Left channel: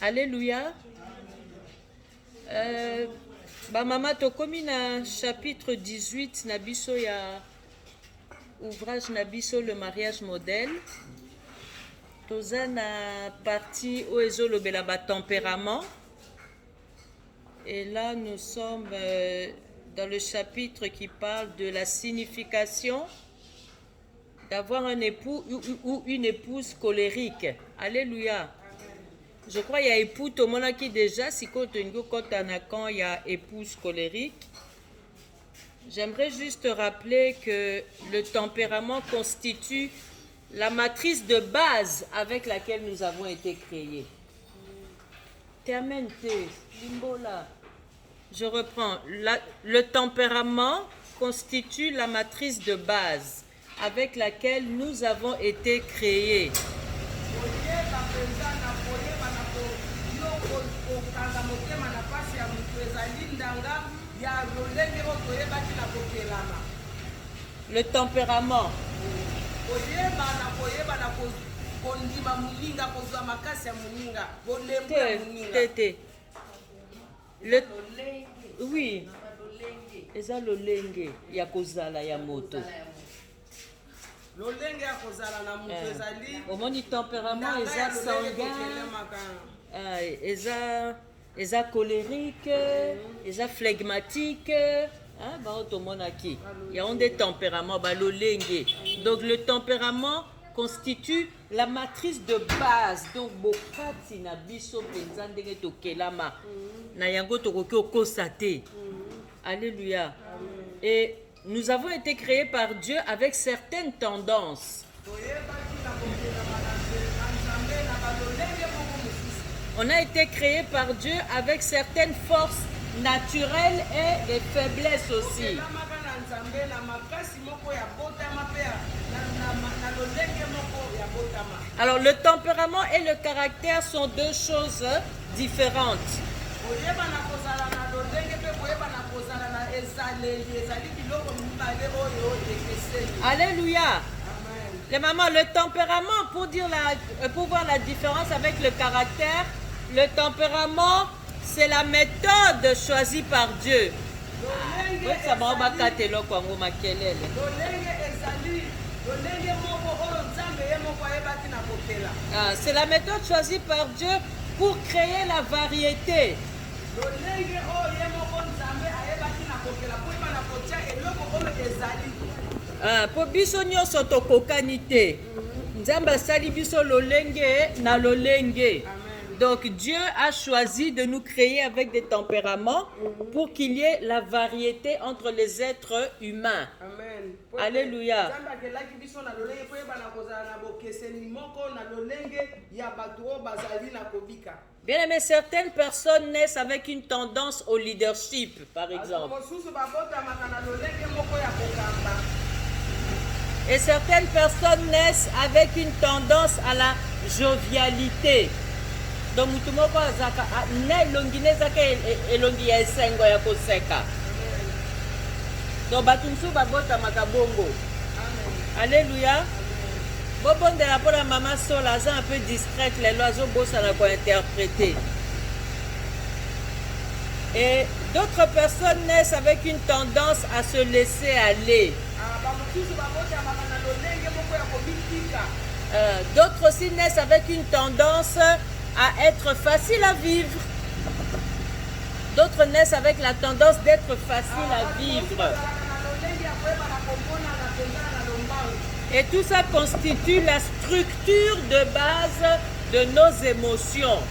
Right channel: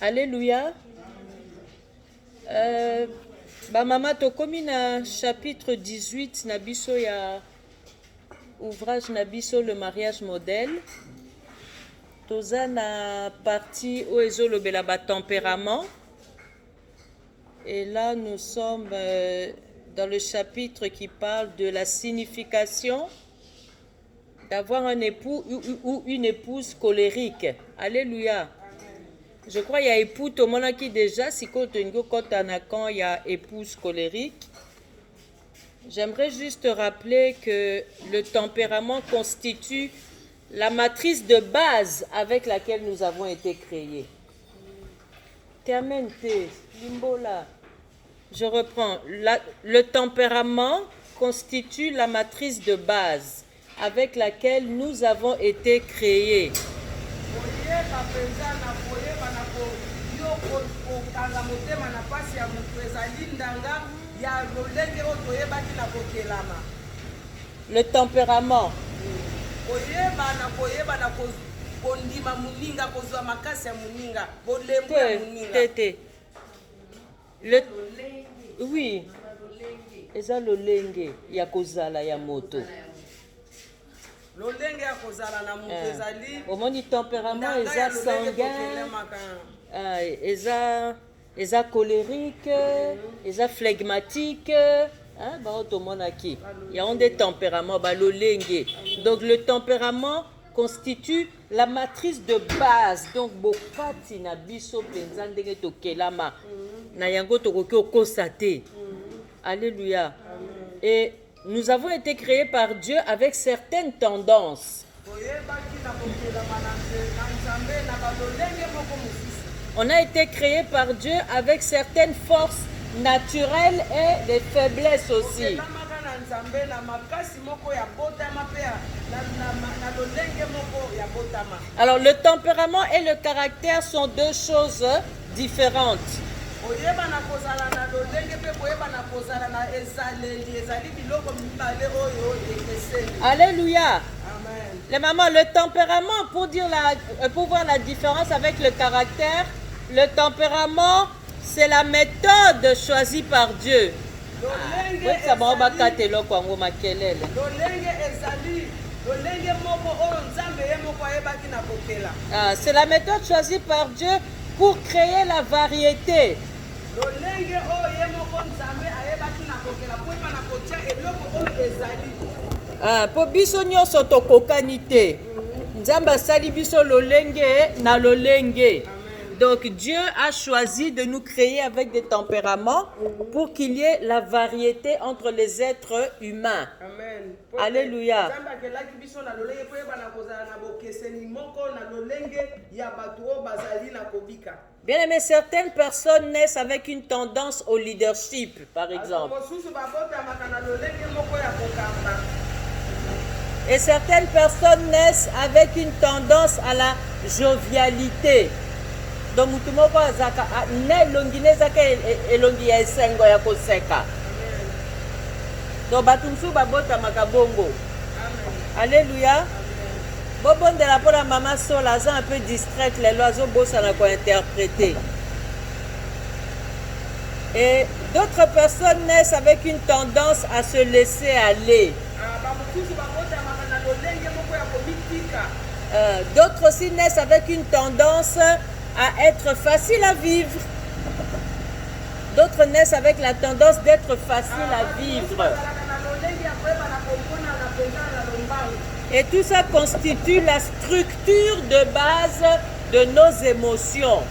Alléluia. Maman, tokomi na chapitre 18 na biso ya ouvrage na biso le mariage modèle. Toza na partie où ezolobela ba tempérament. Et là, nous sommes dans le chapitre qui parle de la signification d'avoir un époux ou une épouse colérique. Alléluia. Je crois qu'il y a époux, tout le monde qui déjà, si quand il y a épouse colérique. J'aimerais juste rappeler que le tempérament constitue la matrice de base avec laquelle nous avons été créés. Termente, limbola. Je reprends. Le tempérament constitue la matrice de base avec laquelle nous avons été créés. Le tempérament. Oui. Eza lolenge ya kozala ya moto. Omoni tempérament eza sanguin, eza colérique, eza phlegmatique, il y a des tempéraments, lolenge. Donc le tempérament constitue la matrice de base. Donc bokati na biso penza ndenge tokelama na yango tokoki okosate. Alléluia. Et nous avons été créés par Dieu avec certaines tendances. On a été créés par Dieu avec certaines forces naturelles et des faiblesses aussi. Alors le tempérament et le caractère sont deux choses différentes. Alléluia. Les mamans, le tempérament, pour voir la différence avec le caractère, le tempérament, c'est la méthode choisie par Dieu. C'est la méthode choisie par Dieu pour créer la variété. Po biso nyonso tokokani te. Nzambe asali biso lolenge na lolenge. Donc Dieu a choisi de nous créer avec des tempéraments pour qu'il y ait la variété entre les êtres humains. Amen. Alléluia. Bien aimé, certaines personnes naissent avec une tendance au leadership, par exemple. Et certaines personnes naissent avec une tendance à la jovialité. Donc, alléluia. Bon de la bonne maman Sol, un peu distraite, les oiseaux beaux, ça n'a pas interprété. Et d'autres personnes naissent avec une tendance à se laisser aller. D'autres aussi naissent avec une tendance à être facile à vivre. D'autres naissent avec la tendance d'être facile à vivre. Et tout ça constitue la structure de base de nos émotions.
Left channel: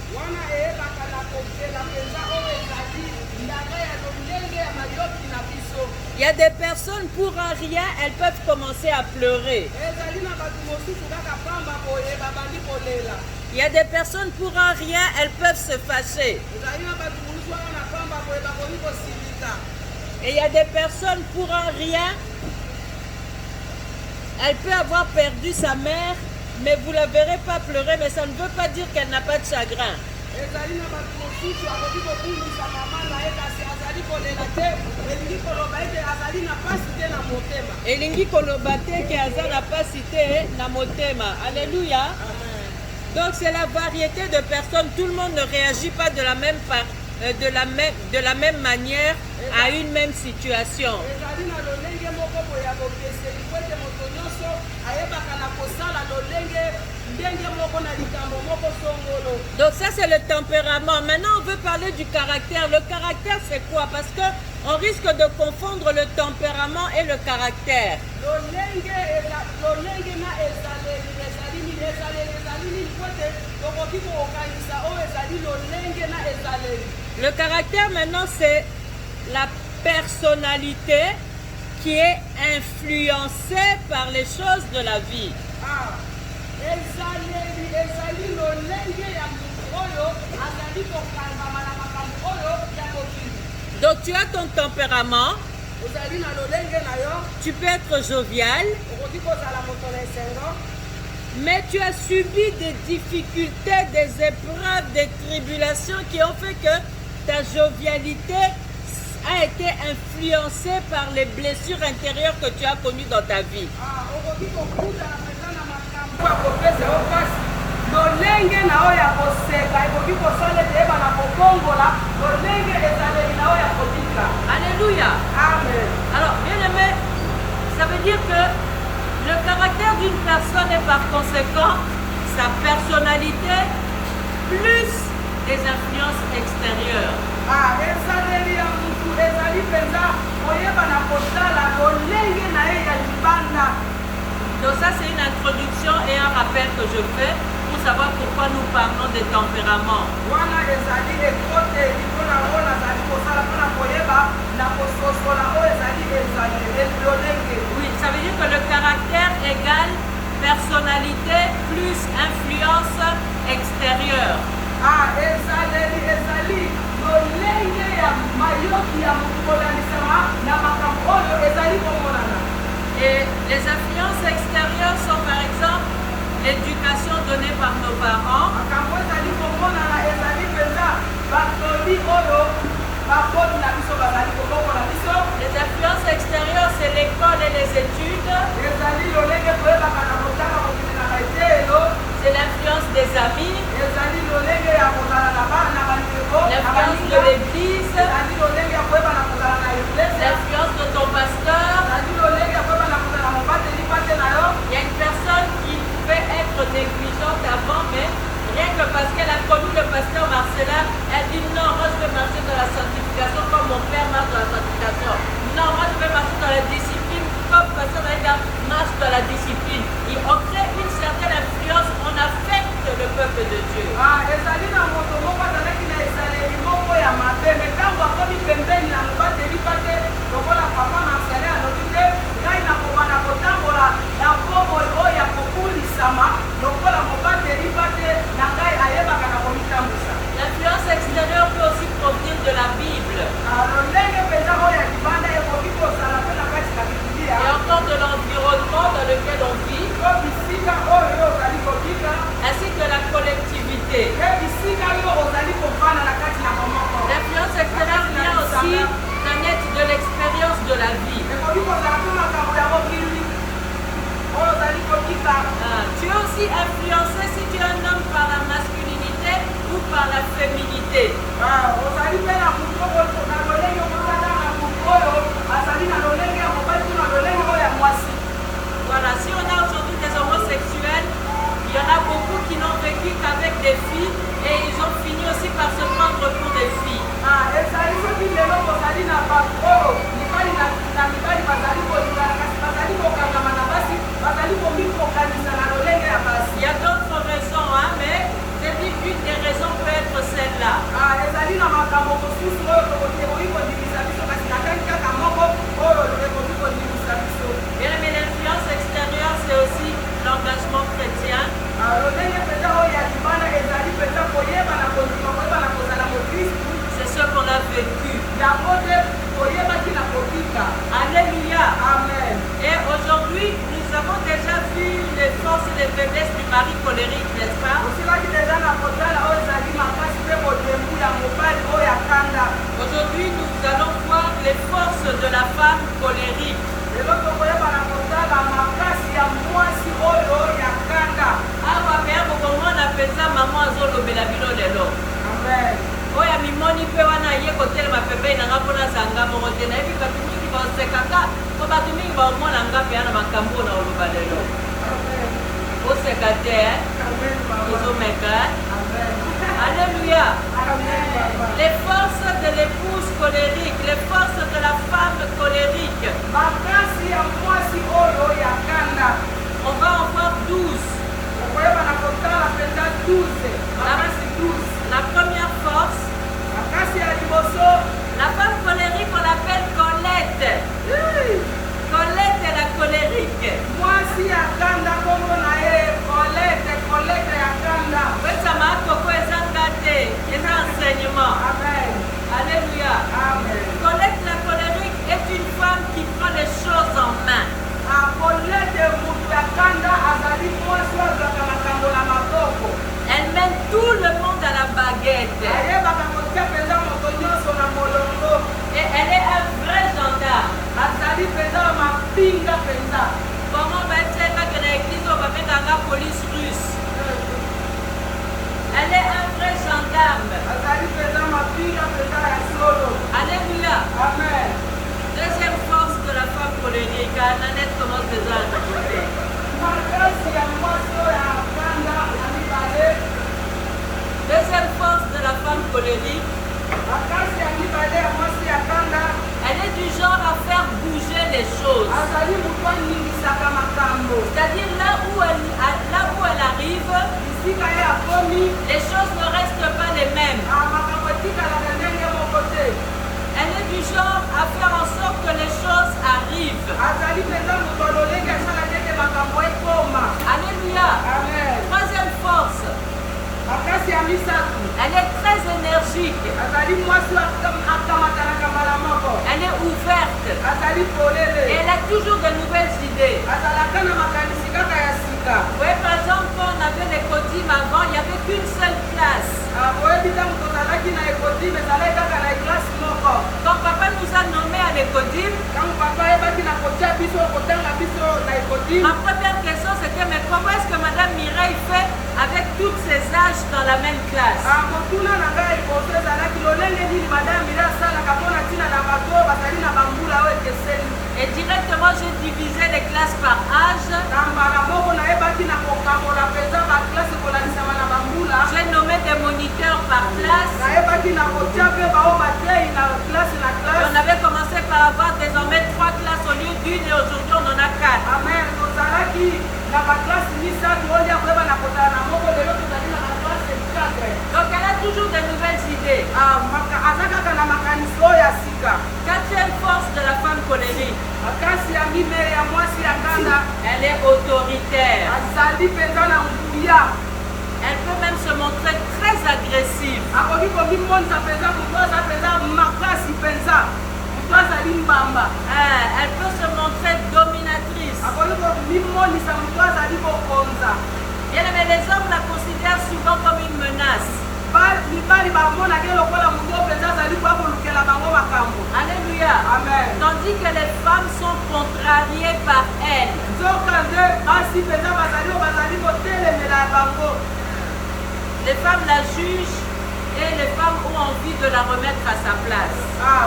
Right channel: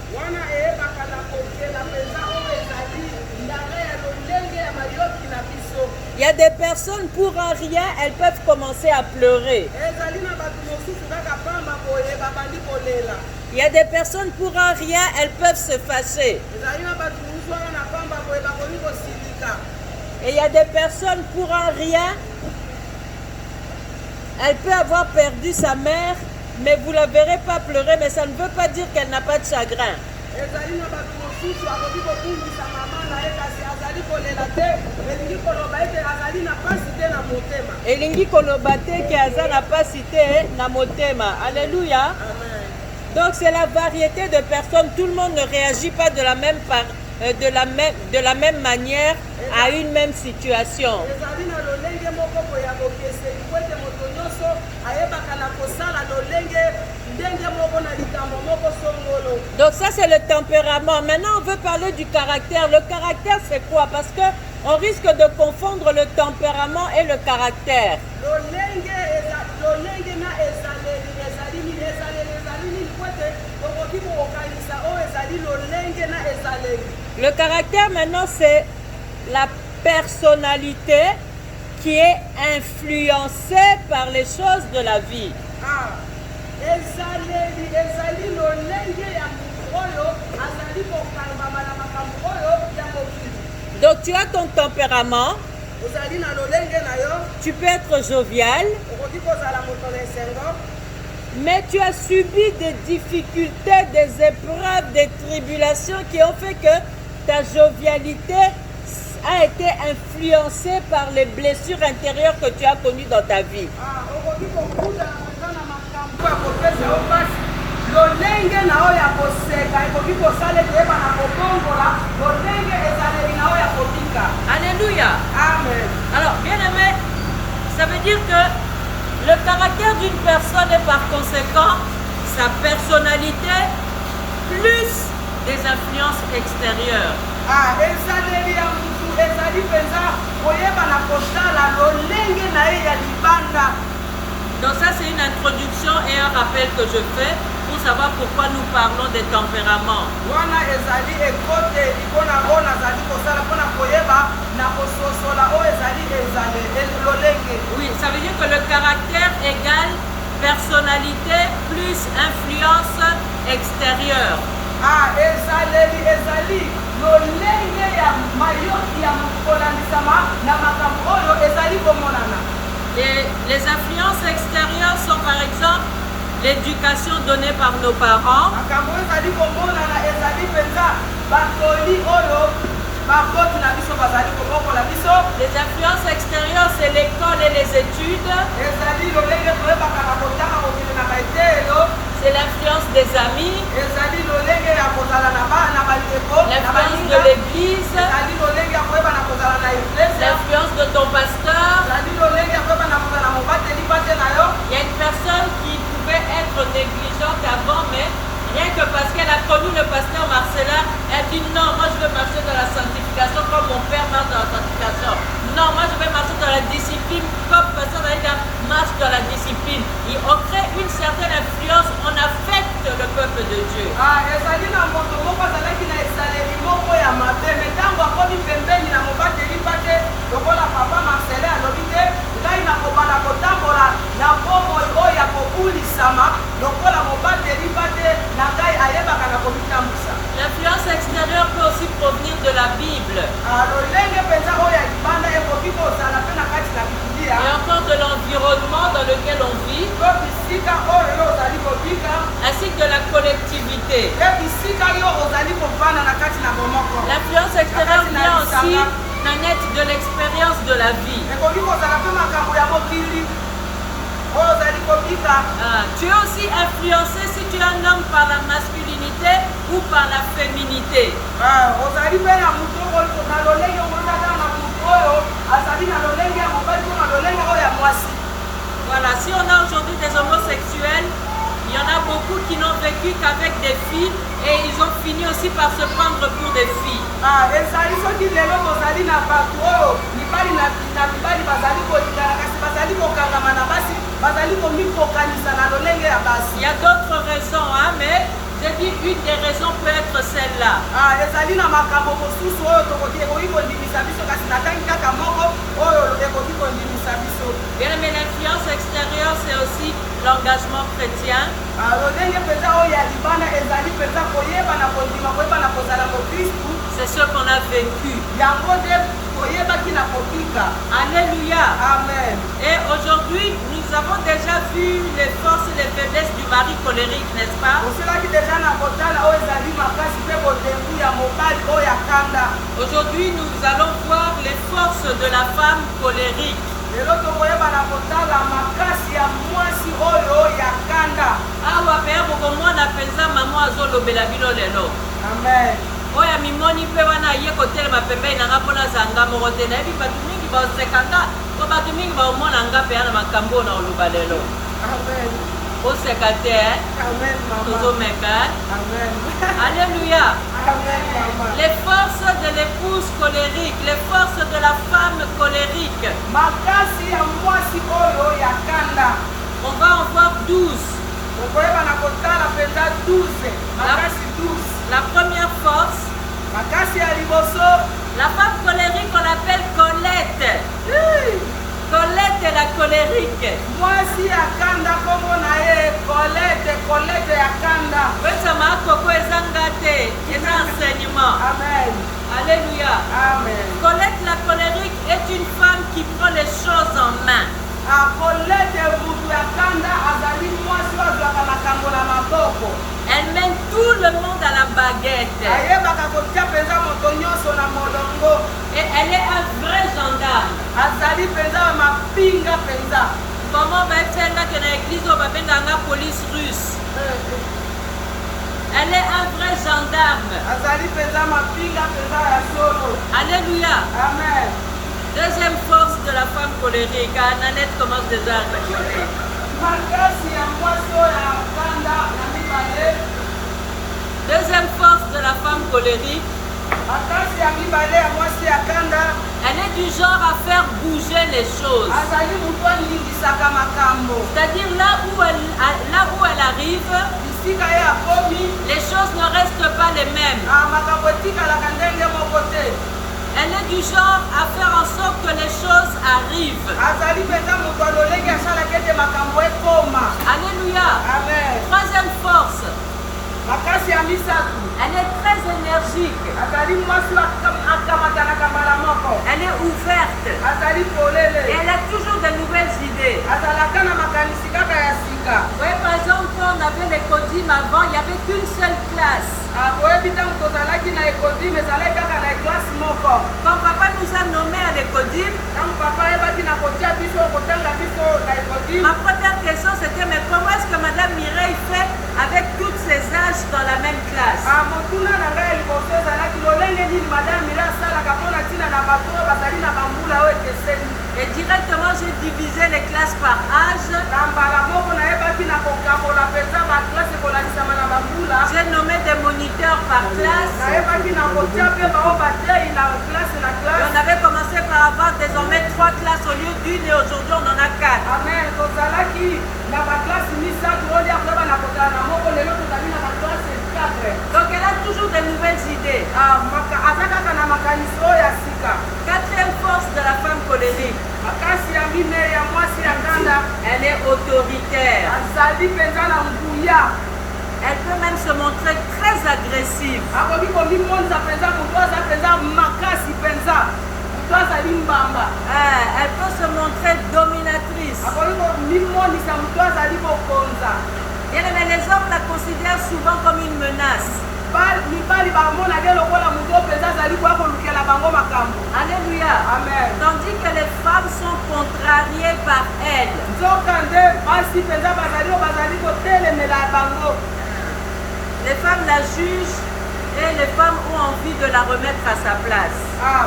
Il y a des personnes, pour un rien, elles peuvent commencer à pleurer. Il y a des personnes, pour un rien, elles peuvent se fâcher. Et il y a des personnes, pour un rien, elle peut avoir perdu sa mère, mais vous ne la verrez pas pleurer, mais ça ne veut pas dire qu'elle n'a pas de chagrin. Elingi koloba te ke aza na pasi te na motema. Alléluia. Donc c'est la variété de personnes. Tout le monde ne réagit pas de la même manière à une même situation. Donc ça c'est le tempérament. Maintenant on veut parler du caractère. Le caractère c'est quoi? Parce que on risque de confondre le tempérament et le caractère. Le caractère maintenant c'est la personnalité qui est influencée par les choses de la vie. Donc tu as ton tempérament, tu peux être jovial, mais tu as subi des difficultés, des épreuves, des tribulations qui ont fait que ta jovialité a été influencée par les blessures intérieures que tu as connues dans ta vie. Alléluia. Amen. Alors, bien aimé, ça veut dire que le caractère d'une personne est par conséquent sa personnalité plus des influences extérieures. Donc ça c'est une introduction et un rappel que je fais pour savoir pourquoi nous parlons des tempéraments. Oui, ça veut dire que le caractère égale personnalité plus influence extérieure. Et les influences extérieures sont par exemple l'éducation donnée par nos parents. Les influences extérieures, c'est l'école et les études. C'est l'influence des amis. L'influence de l'église. L'influence de ton pasteur. Il y a une personne qui pouvait être négligente avant, mais rien que parce qu'elle a connu le pasteur Marcelin, elle dit non, moi je veux marcher dans la sanctification comme mon père marche dans la sanctification. Non, moi je vais marcher dans la discipline comme pasteur Daïda marche dans la discipline. Et on crée une certaine influence, on affecte le peuple de Dieu. L'influence extérieure peut aussi provenir de la Bible. Et encore de l'environnement dans lequel on vit, ainsi que de la collectivité. L'influence extérieure vient aussi naître de l'expérience de la vie. Tu es aussi influencé si tu es un homme par la masculinité ou par la féminité. Voilà, si on a aujourd'hui des homosexuels, il y en a beaucoup qui n'ont vécu qu'avec des filles et ils ont fini aussi par se prendre pour des filles. Il y a d'autres raisons, hein, mais j'ai dit une des raisons peut être celle-là. Bien aimé, l'influence extérieure, c'est aussi l'engagement chrétien. C'est ce qu'on a vécu. Alléluia. Amen. Et aujourd'hui, nous avons déjà vu les forces et les faiblesses du mari colérique, n'est-ce pas? Aujourd'hui, nous allons voir les forces de la femme colérique. Awa pe ya mwana penza maman azolobela bino lelo. Amen. Oya mimoni pe wana ye kotelema pembeni nanga mpona zanga moko te nayebi bato mingi baosekanga po bato mingi baomona nga mpe na makambo na oloba lelo. Amen. Oseka te Amen, maman. tozomeka. Amen. Alléluia. Amen, maman. Les forces de l'épouse colérique, les forces de la femme colérique. Makasi ya mwasi oyo ya kanda. On va en voir 12. Okoyeba na kotala penza 12. Makasi 12. La première force, Makasi ya liboso. la femme colérique, on l'appelle Colette. Colette est la colérique. Mwasi ya kanda kombo na ye Colette, Colette ya kanda. Wesama koko ezangate, eza enseignement. Amen. Alléluia. Amen. Colette la colérique est une femme qui prend les choses en main. A Colette mutu ya kanda azali mwasi azwaka makambo na maboko. Elle mène tout le monde à la baguette. Ayebaka kotia penza moto nyonso na molongo. Et elle est un vrai gendarme. Azali penza mapinga penza. Comment va être que dans l'église on va mettre la police russe? Elle est un vrai gendarme. Azali penza mapinga penza ya solo. Alléluia. Amen. Deuxième force de la femme colérique. Nanette commence déjà à rigoler. Makasi ya mwaso ya kanda ya mibale. Deuxième force de la femme colérique. Makasi ya mibale ya mwasi ya kanda. Elle est du genre à faire bouger les choses. Azali mutu alingisaka makambo. C'est-à-dire là où elle arrive, Bisika ye akomi. les choses ne restent pas les mêmes. Makambo etikalaka ndenge moko te. Elle est du genre à faire en sorte que les choses arrivent. Azali penza mutu alolenge asalaki ete makambo ekoma. Alléluia. Amen. Troisième force, Makasi ya misatu. elle est très énergique. Azali mwasi akamatanaka mbala moko. Elle est ouverte. Azali Et polele. elle a toujours de nouvelles idées. Azalaka na makanisi kaka ya sika. Vous voyez, par exemple, quand on avait les codim avant, il n'y avait qu'une seule classe. Oyebi ntango tozalaki na ekodime ezalaki kaka na eklase moko. Quand papa nous a nommés à l'écodim, Ntango papa ayebaki na kotia biso kotanga biso na ekodime. ma première question c'était mais comment est-ce que Madame Mireille fait avec tous ces âges dans la même classe? Motuna na ngai liboso ezalaki lolenge nini madame mire asalaka mpona ntina na bato oyo bazali na bambula oyo ekeseni. Et directement j'ai divisé les classes par âge. Na mbala moko nayebaki na kokambola mpenza baklase kolanisama na bambula. J'ai nommé des moniteurs par classe. Nayebaki na kotia mpe bao batei na classe na Et classe. on avait commencé par avoir désormais 3 classes au lieu d'une et aujourd'hui on en a 4. Amen. Tozalaki na baklase misatu olia koyeba na kotala na moko lelo tozali na baklase 4. Donc elle a toujours de nouvelles idées. Aza kaka na makanisi oyo ya sika. Quatrième force de la femme colérique, Makasi ya minei ya mwasi ya kanda. elle est autoritaire. Azali mpenza na nguya. Elle peut même se montrer très agressive. Akoki komimonisa mpenza moto aza mpenza makasi mpenza. Moto azali mbamba. Elle peut se montrer dominatrice. Akoki komimonisa moto azali kokonza. Bien aimé, les hommes la considèrent souvent comme une menace. Mibali bamonaki lokola moto mpenza azali koya kolukela bango makambo. Alléluia. Amen. Tandis que les femmes sont contrariées par elle. Nzoka nde basi mpenza bazali kotelemela bango. Les femmes la jugent et les femmes ont envie de la remettre à sa place.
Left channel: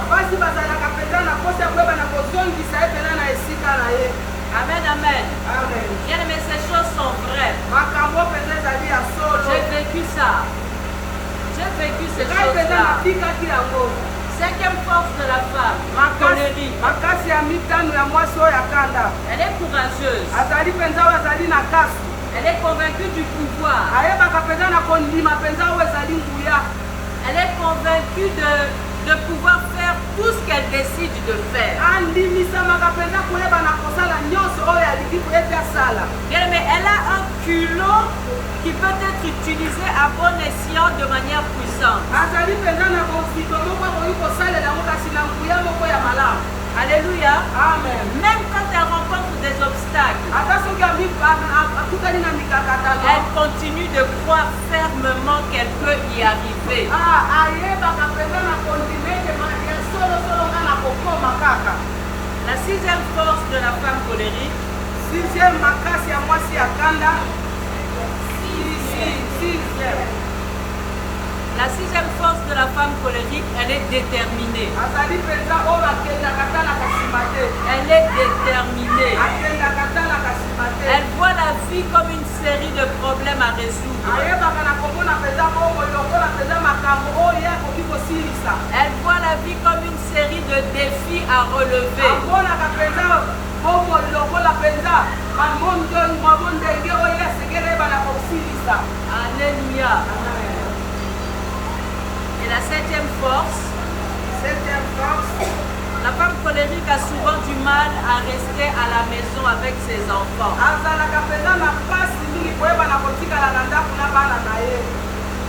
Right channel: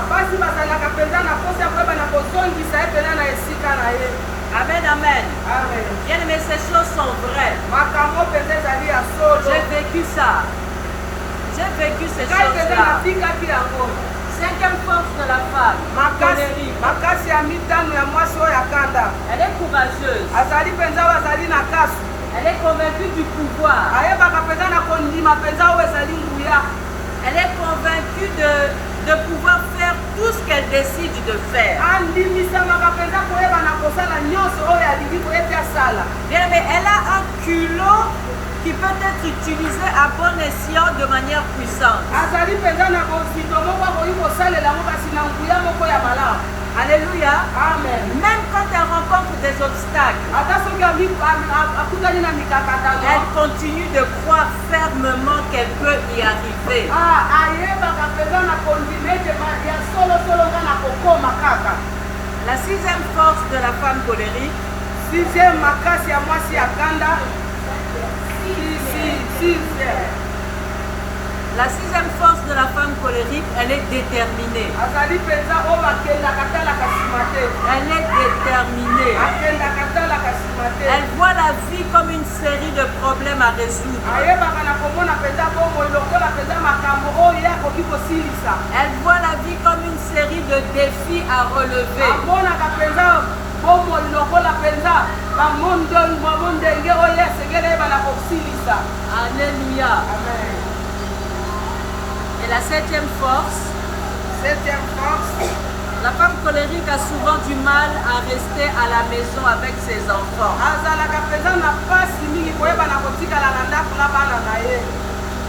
Basi bazalaka mpenza na posa ya koyeba na kozongisa ye mpena na esika na ye. Amen, amen. Amen. Bien aimé, ces choses sont vraies. Makambo mpenza ezali ya solo. J'ai vécu ça. J'ai vécu ces Ngai mpenza choses-là. natikaki yango. Cinquième force de la femme, colérique. Makasi ya mitano ya mwasi oyo ya kanda. Elle est courageuse. Azali mpenza oyo azali na kasi. Elle est convaincue du pouvoir. Ayebaka mpenza na kondima mpenza oyo ezali nguya. Elle est convaincue de pouvoir faire tout ce qu'elle décide de faire. Andimisamaka mpenza koyeba na kosala nyonso oyo alingi ete asala. Bien, mais elle a un culot qui peut être utilisé à bon escient de manière puissante. Azali mpenza na bozito moko akoki kosalela yango kasi na nguya moko ya malamu. Alléluia. Amen. Même quand elle rencontre des obstacles, Ata soki akutani na mikakatano. elle continue de croire fermement qu'elle peut y arriver. Ayebaka mpenza na kondima ete ya solosolo nga na kokoma kaka. La sixième force de la femme colérique, Sixième makasi ya mwasi ya kanda. Sixième. La sixième force de la femme colérique, elle est déterminée. Azali penza oyo akendaka talaka nsima te. Elle est déterminée. Akendaka talaka nsima te. Elle voit la vie comme une série de problèmes à résoudre. Ayebaka na komona penza bomoi lokola penza makambo oyo ye akoki kosilisa. Elle voit la vie comme une série de défis à relever. Amonaka penza bomoi lokola penza mamondenge oyo ye asengeli yeba na kosilisa. Alléluia. Amen. Et la septième force, la femme colérique a souvent du mal à rester à la maison avec ses enfants.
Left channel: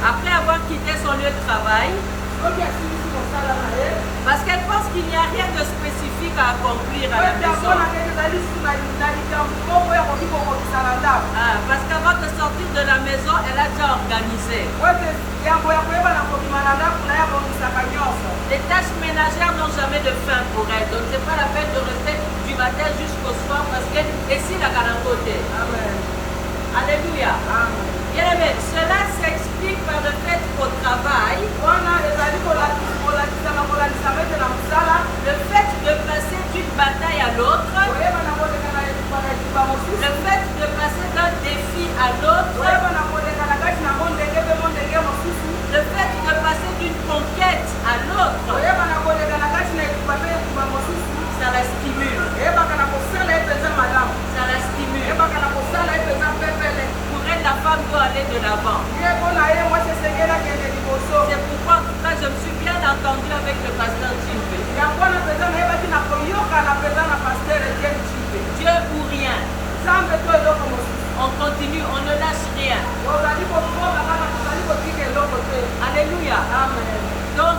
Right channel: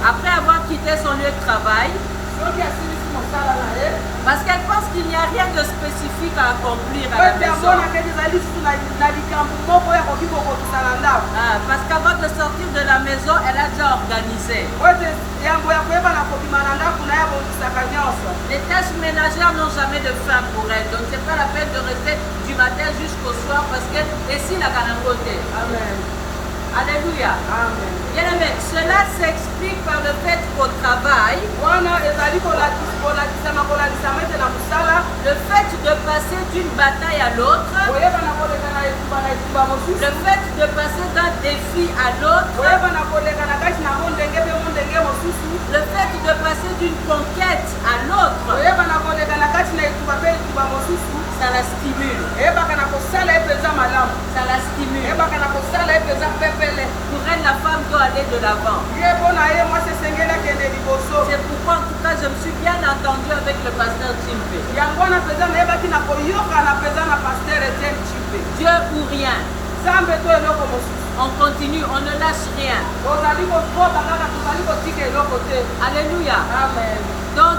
Après avoir quitté son lieu de travail, parce qu'elle pense qu'il n'y a rien de spécifique à accomplir à la maison. Parce qu'avant de sortir de la maison, elle a déjà organisé. Les tâches ménagères n'ont jamais de fin pour elle. Donc c'est pas la peine de rester du matin jusqu'au soir parce que ici la côté. Amen. Alléluia. Amen. Bien aimé, cela s'explique par le fait qu'au travail, le fait de passer d'une bataille à l'autre, le fait de passer d'un défi à l'autre, le fait de passer d'une conquête à l'autre, ça la stimule. Ça la stimule. Pour elle, la femme doit aller de l'avant. C'est pourquoi, en tout cas, je me suis bien entendue avec le pasteur Jimbe. Dieu ou rien. On continue, on ne lâche rien. Alléluia. Amen. Donc,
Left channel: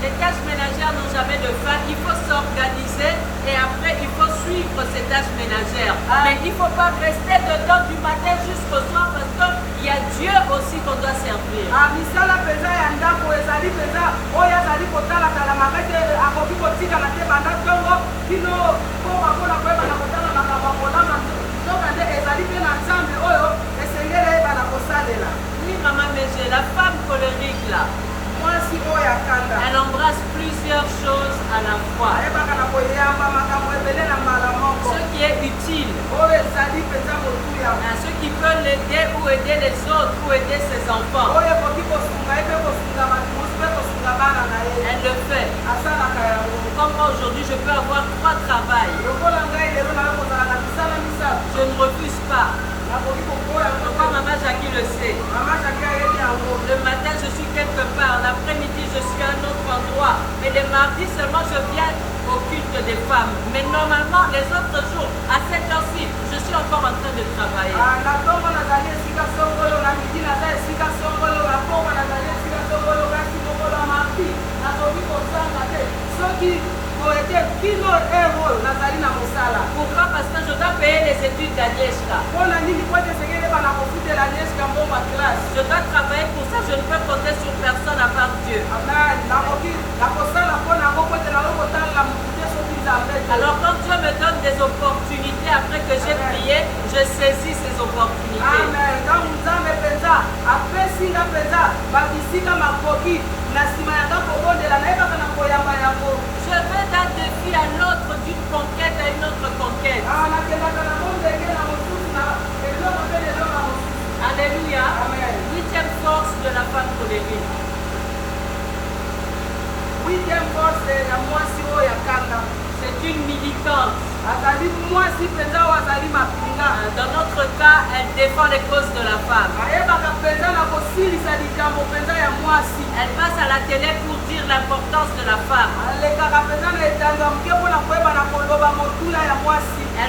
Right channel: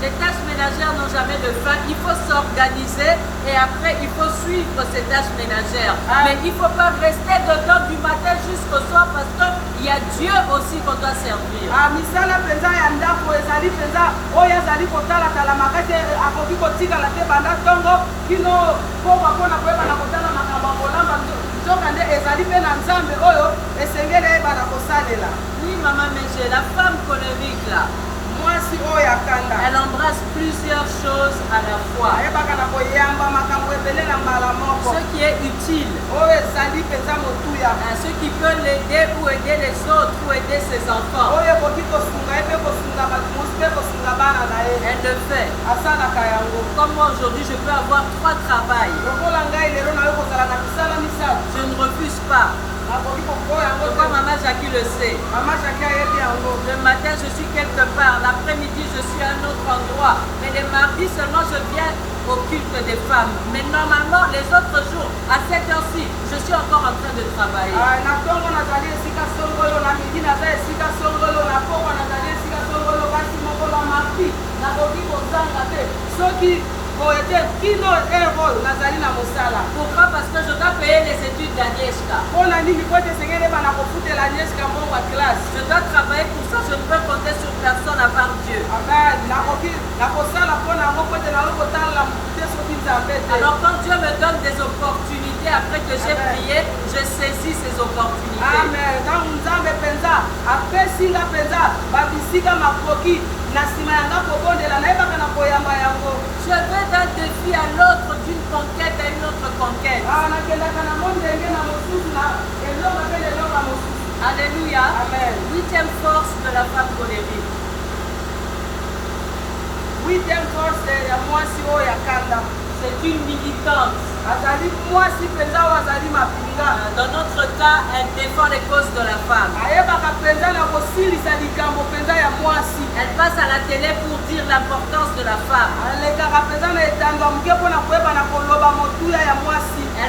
les tâches ménagères n'ont jamais de fin. Il faut s'organiser et après, il faut suivre ces tâches ménagères. Mais il ne faut pas rester dedans du matin jusqu'au soir parce qu'il y a Dieu aussi qu'on doit servir. Oui, maman, mais j'ai la femme colérique là. Elle embrasse plusieurs choses à la fois. Ce qui est utile. Ce qui peut l'aider ou aider les autres ou aider ses enfants. Elle le fait. Comme moi aujourd'hui, je peux avoir 3 travails. Je ne refuse pas. Pourquoi maman Jackie le sait? Le matin, je suis quelque part. L'après-midi, je suis à un autre endroit. Mais les mardis seulement, je viens au culte des femmes. Mais normalement, les autres jours, à cette heure-ci, je suis encore en train de travailler. Pourquoi? Parce que je dois payer les études d'Agnieszka. Je dois travailler pour ça, je ne peux compter sur personne à part Dieu. Alors quand Dieu me donne des opportunités après que j'ai prié, je saisis ces opportunités. Amen. Je vais d'un défi à l'autre, d'une conquête à une autre conquête. Alléluia. Amen. 8e force de la femme colérique. 8e force de la mwasi oyo yakanda. C'est une militante. Dans notre cas, elle défend les causes de la femme. Elle passe à la télé pour dire l'importance de la femme. Elle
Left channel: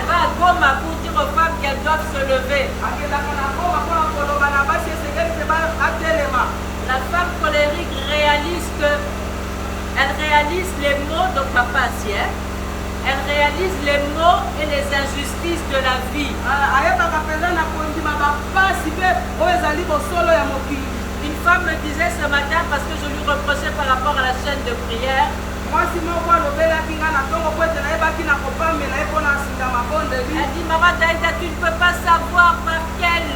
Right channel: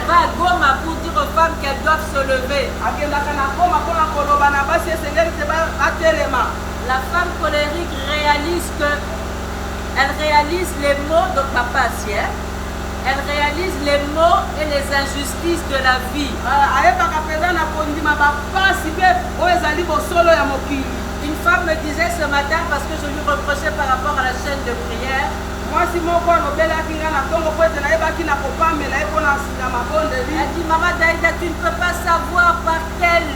va à Goma pour dire aux femmes qu'elles doivent se lever. La femme colérique réalise elle réalise les mots de papa Sien. Elle réalise les maux et les injustices de la vie. Une femme me disait ce matin, parce que je lui reprochais par rapport à la chaîne de prière, elle dit, Maman Daïda, tu ne peux pas savoir par quelle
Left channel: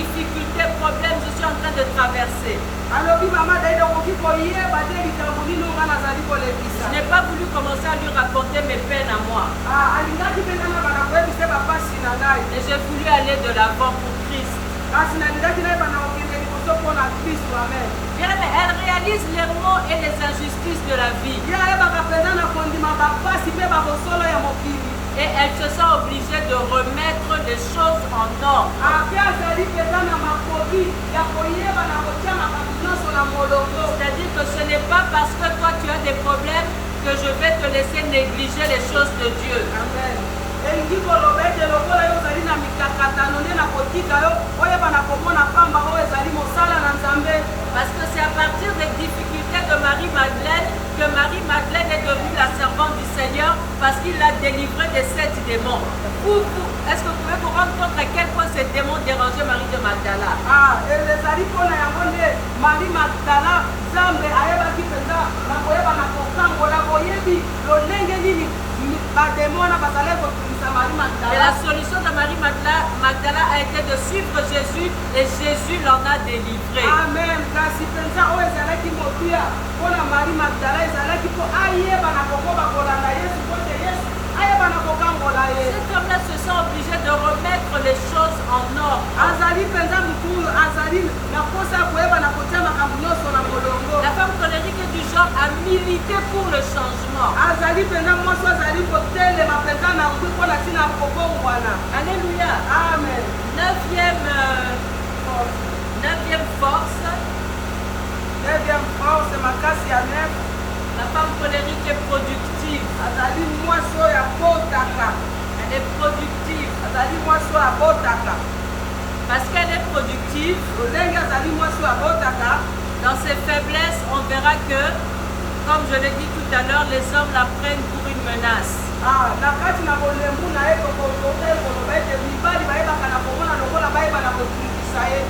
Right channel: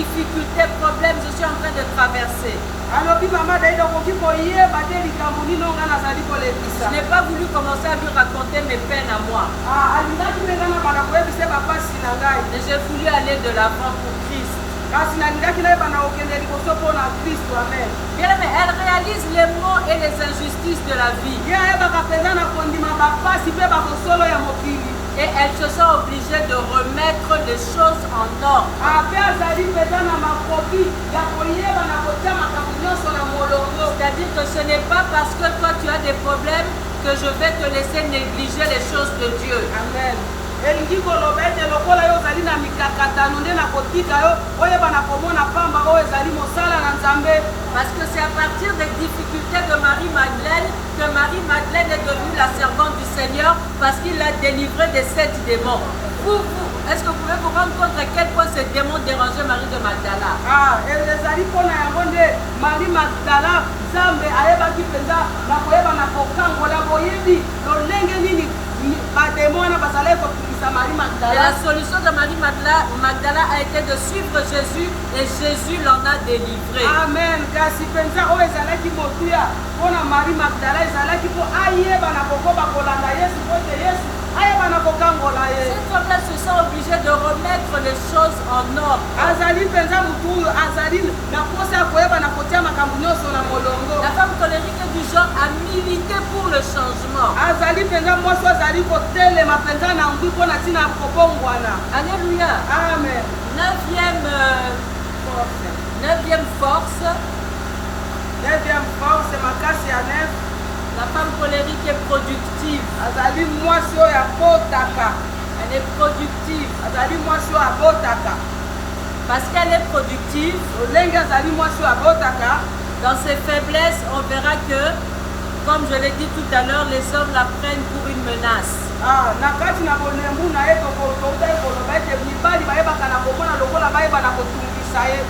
difficultés, problèmes je suis en train de traverser. alobi mama daida koki koyeba te likambo nino nga nazali Je kolekisa n'ai pas voulu commencer à lui raconter mes peines à moi. alingaki mpe nga na bana koyebisa bapasi na ngai Mais j'ai voulu aller de l'avant pour Christ. kasi nalingaki nayeba na kokende liboso mpo na kristu amen Bien aimé, elle réalise les maux et les injustices de la vie. ye ayebaka mpenza na kondima bapasi mpe babosolo ya mokili Et elle se sent obligée de remettre les choses en ordre. mpe azali mpenza na makoki ya koyeba na kotia makambo nyonso na molongo C'est-à-dire que ce n'est pas parce que toi tu as des problèmes que je vais te laisser négliger les choses de Dieu. amen elingi koloba ete lokola yo ozali na mikakatano nde na kotika yo oyeba na komona pamba oyo ezali mosala na nzambe Parce que c'est à partir des difficultés de Marie-Madeleine que Marie-Madeleine est devenue la servante du Seigneur parce qu'il l'a délivrée des 7 démons. Est-ce que vous pouvez vous rendre compte à quel point ces démons dérangeaient Marie de Magdala? ezali mpona yango nde mari magdala nzambe ayebaki mpenza na koyeba na kokangola boyebi lolenge nini bademo wana bazalaki kotungisa mari Et magdala la solution de Marie-Magdala a été de suivre Jésus et Jésus l'en a délivré. amen kasi mpenza oyo ezalaki motuya mpona mari magdala ezalaki mpo ayeba na kokoba kolanda yesu po ete yesu ayeba na kokangola ye Cette femme-là se sent obligée de remettre les choses en ordre. azali mpenza motu oyo azali na posa ya koyeba na kotia makambo nyonso na molongo La femme colérique est du genre à militer pour le changement. azali mpenza mwasi oyo azali kotelema mpenza na ngwi mpo na ntina ya kobongwana Alléluia. amen Neuvième force, neuvième force makasi ya nef la femme colérique est productive. azali mwasi oyo abotaka Elle est productive. azali mwasi oyo abotaka Parce qu'elle est productive, lolenge azali mwasi oyo abotaka dans ses faiblesses, on verra que, comme je l'ai dit tout à l'heure, les hommes la prennent pour une menace. na kati na bolembu na ye tokotautai koloba ete mibali bayebaka na komona lokola bayeba na kotungisa ye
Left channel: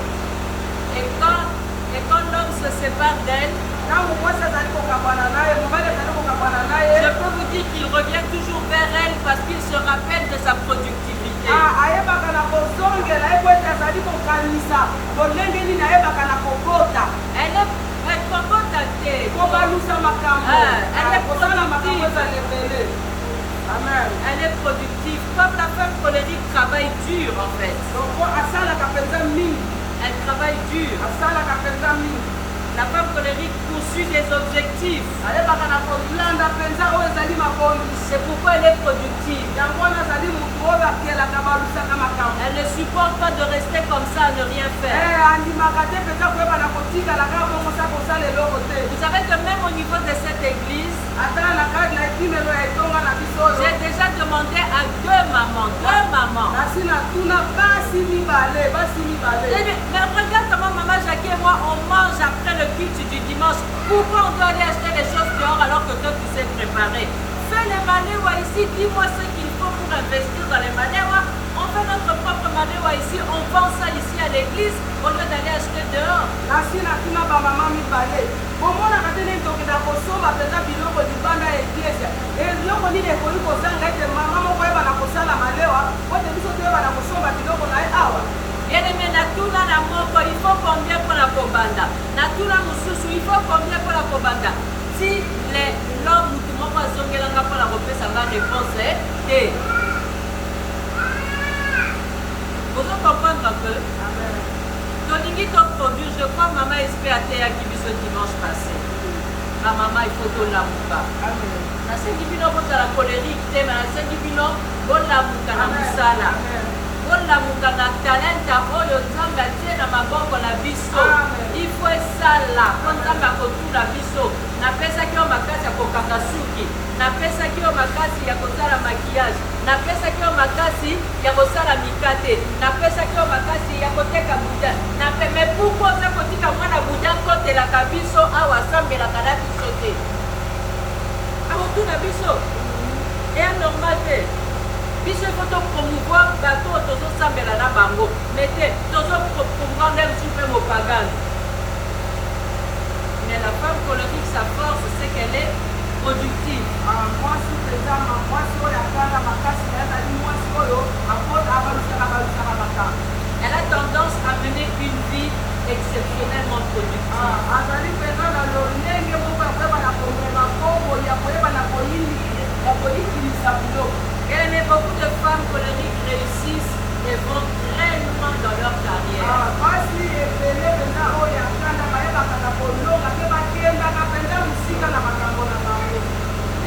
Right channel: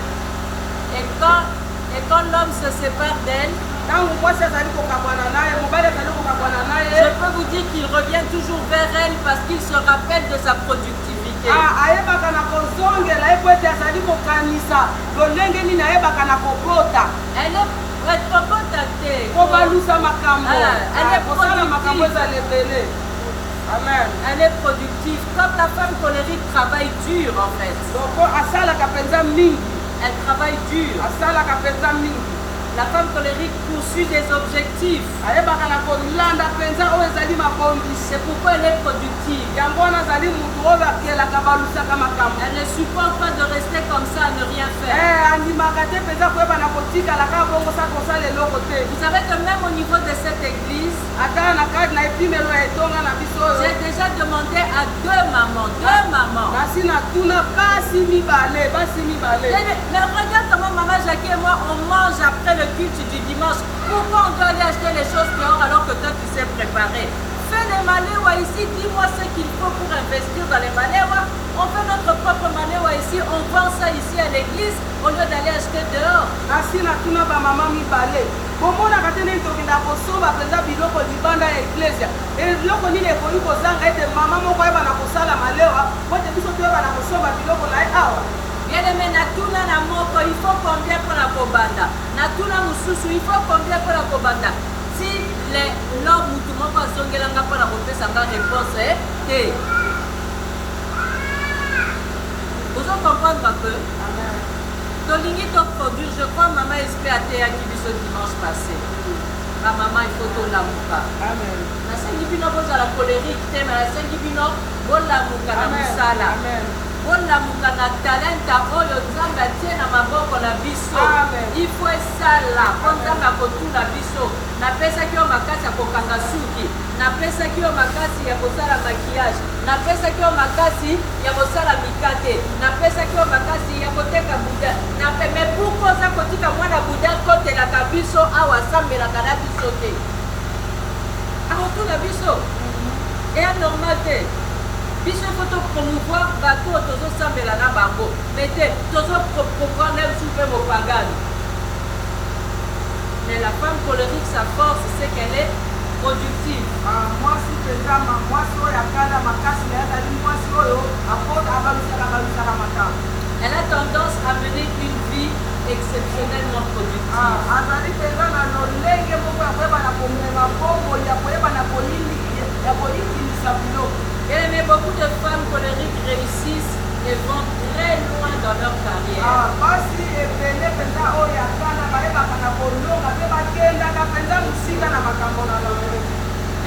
Et quand l'homme se sépare d'elle, ntango mwasi azali kokabwana na ye mobali azali kokabwana na ye je peux vous dire qu'il revient toujours vers elle parce qu'il se rappelle de sa productivité. ayebaka na kozongela ye po ete azali kokanisa lolenge nini ayebaka na kobota Elle est cocotatée. po balusa makambo elle est kosala makambo productive. ezala ebele amen Elle est productive. Comme la femme colérique travaille dur en fait. loko asalaka mpenza mingi Elle travaille dur. asalaka mpenza mingi La femme colérique poursuit des objectifs. ayebaka na kolanda mpenza oyo ezali mabongisi C'est pourquoi elle est productive. yango wana azali mutu oyo akelaka balusaka makambo Elle ne supporte pas de rester comme ça à ne rien faire. andimaka te mpenza koyeba na kotikala kaka bongo sa kosala eloko te Vous savez que même au niveau de cette église, ata na kati na epimelo ya etonga na biso oyo j'ai déjà demandé à deux mamans. kasi na tuna basi mibale Mais regarde comment maman Jackie et moi on mange après le culte du dimanche. Pourquoi on doit aller acheter les choses dehors alors que toi tu sais préparer? Fais les maléwa ici, dis-moi ce qu'il faut pour investir dans les maléwa. On fait notre propre maléwa ici, on vend ça ici à l'église au lieu d'aller acheter dehors. nasi na tuna bamama mibale bomonaka te nini tokenda kosomba mpenza biloko libanda ya eklesia eloko nini ekoki kozanga ete mama moko ayeba na kosala malewa po ete biso toyeba na kosomba biloko na ye awa Bien aimé, natuna na moko, il faut combien pour la kobanda? Natuna mususu, il faut combien pour la kobanda? Si l'homme mutu moko azongelanga pour la repesa nga réponse, te. Vous comprendre un peu? amen Tolingi to produire, je crois maman espère ateyaki biso dimanche passé. Ma maman il faut tolamuka. amen Nasengi bino bozala colérique te, mais nasengi bino bolamuka na musala. amen bolamuka na talenta oyo nzambe atie na maboko na biso. Amen. Il faut esala po nzambe akotuna biso. Napesaki yo makasi ya kokanga suki, napesaki yo makasi ya kosala maquillage, napesaki yo makasi ya kosala mikate, napesaki yo makasi ya koteka buda. Mais pourquoi oza kotika mwana buda kotelaka biso awa asambelaka na biso te? Akotuna biso eya normal te. Biso il faut promouvoir bato tozosambela na bango, mais te tozopromouvoir même soupe mopagane. Mais la femme colérique, sa force, c'est qu'elle est productive. mwasi mpenza mwasi oyo akanda makasi na ye azali mwasi oyo abalusaka makambo Elle a tendance à mener une vie exceptionnellement productive. azali mpenza na lolenge moko ya koyeba na komema bongo ya koyeba na koyikinisa biloko. Bien aimé, beaucoup de femmes colériques réussissent et vont très loin dans leur carrière. basi ebele mpenza oyo ya kana bayebaka na kolonga mpe bakendaka mpenza mosika na makambo na bango.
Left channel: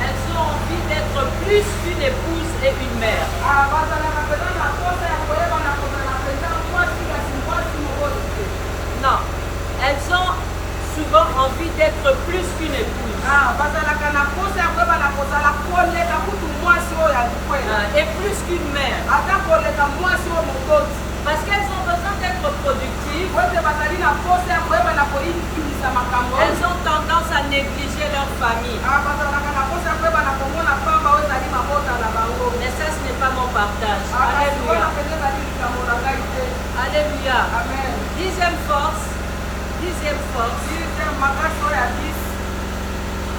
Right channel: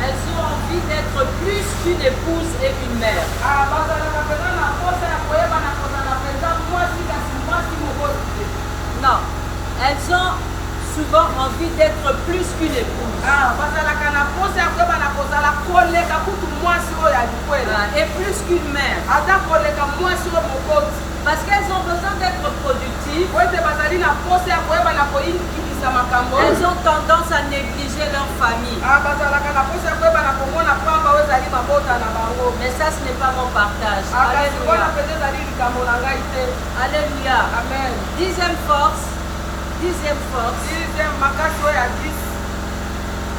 Elles ont envie d'être plus qu'une épouse et une mère. bazalaka mpenza na posa ya koyeba na kozala mpenza mwasi kasi mwasi mokozi te. Non, elles ont souvent envie d'être plus qu'une épouse. bazalaka na posa ya koyeba na kozala koleka kutu mwasi oyo ya likwela. Et plus qu'une mère. ata koleka mwasi oyo mokozi. Parce qu'elles ont besoin d'être productives. Elles ont tendance à négliger leur famille. Mais ça, ce n'est pas mon partage. Alléluia. Alléluia. Amen. Dixième force.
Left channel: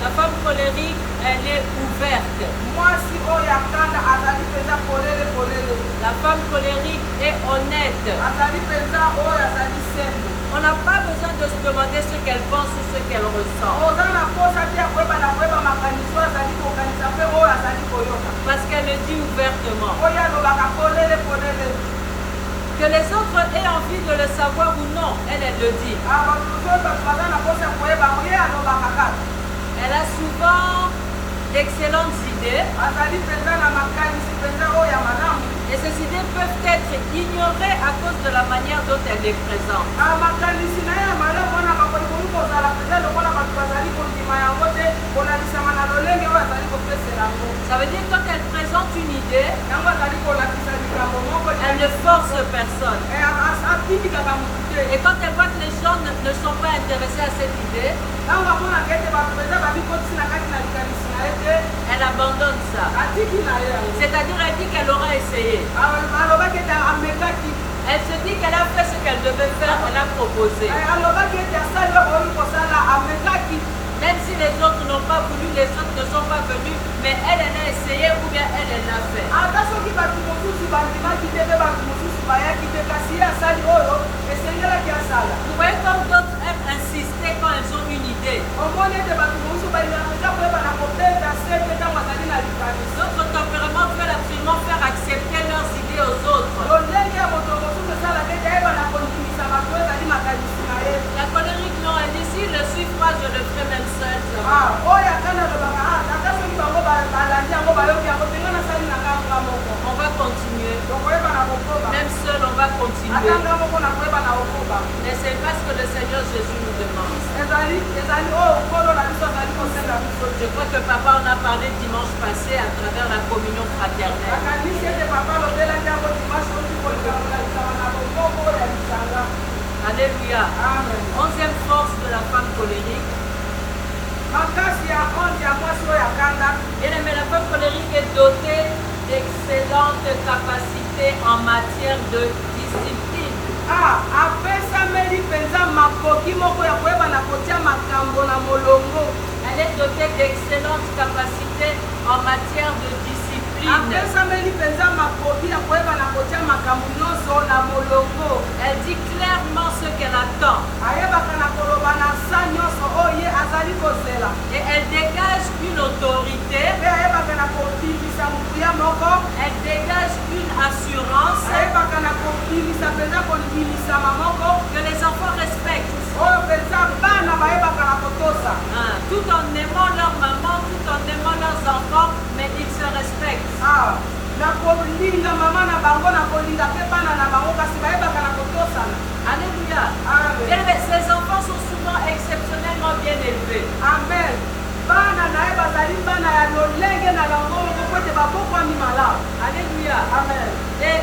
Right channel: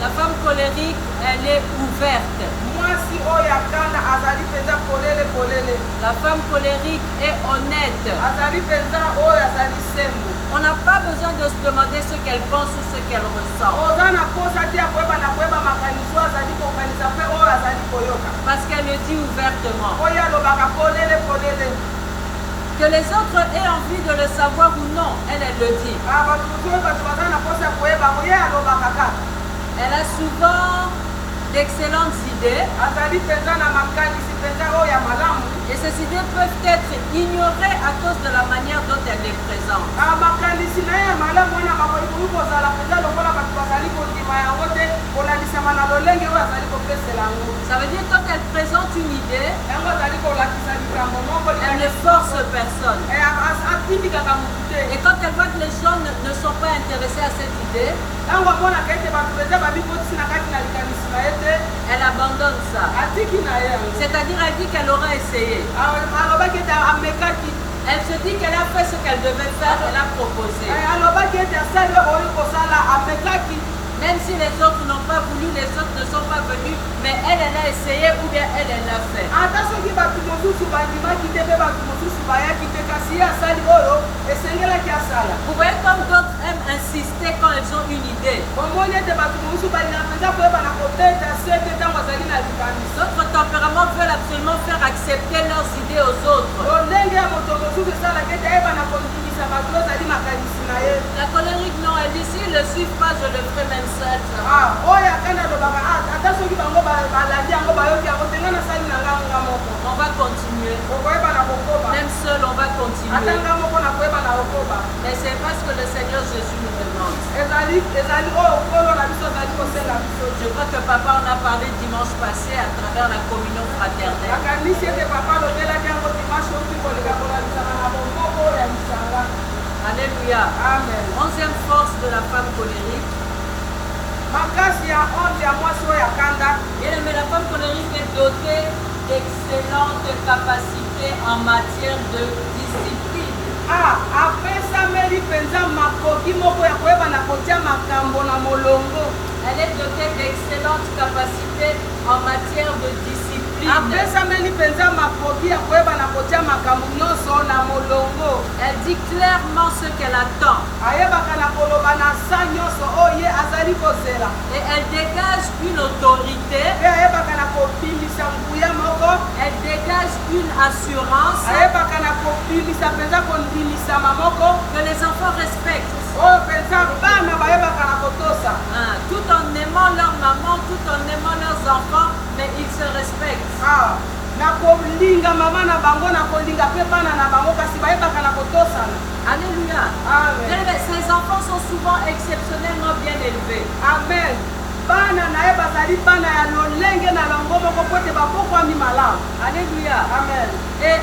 La femme colérique, elle est ouverte. La femme colérique est honnête. On n'a pas besoin de se demander ce qu'elle pense ou ce qu'elle ressent. Parce qu'elle le dit ouvertement. Que les autres aient envie de le savoir ou non, elle le dit. Elle a souvent d'excellentes idées. Et ces idées peuvent être ignorées à cause de la manière dont elle les présente. Ça veut dire que quand elle présente une idée, elle ne force personne. Et quand elle voit que les gens ne sont pas intéressés à cette idée, elle abandonne ça. C'est-à-dire elle dit qu'elle aura essayé. Elle se dit qu'elle a fait ce qu'elle devait faire, elle a proposé. Même si les autres n'ont pas voulu, les autres ne sont pas venus, mais elle a essayé ou bien elle l'a fait. Vous voyez comme d'autres aiment insister quand elles ont une idée. D'autres tempéraments veulent absolument faire accepter leurs idées aux autres. La colérique, non, elle dit s'ils ne le suivent pas, je le ferai même seul. On va continuer. Même seul, on va continuer. Mais c'est parce que le Seigneur Jésus nous demande. Je crois que papa en a parlé dimanche passé à travers la communion fraternelle. Alléluia. Amen. 11e force de la femme colérique. Bien aimé, la femme colérique est dotée d'excellentes capacités en matière de discipline. Elle est dotée d'excellentes capacités en matière de discipline. Elle dit clairement ce qu'elle attend. Et elle dégage une autorité. Elle dégage une assurance que les enfants respectent. Tout en aimant leur maman, tout en aimant leurs enfants, mais ils se respectent. Alléluia. Ces enfants sont souvent exceptionnellement bien élevés. Amen. Alléluia. Amen. Et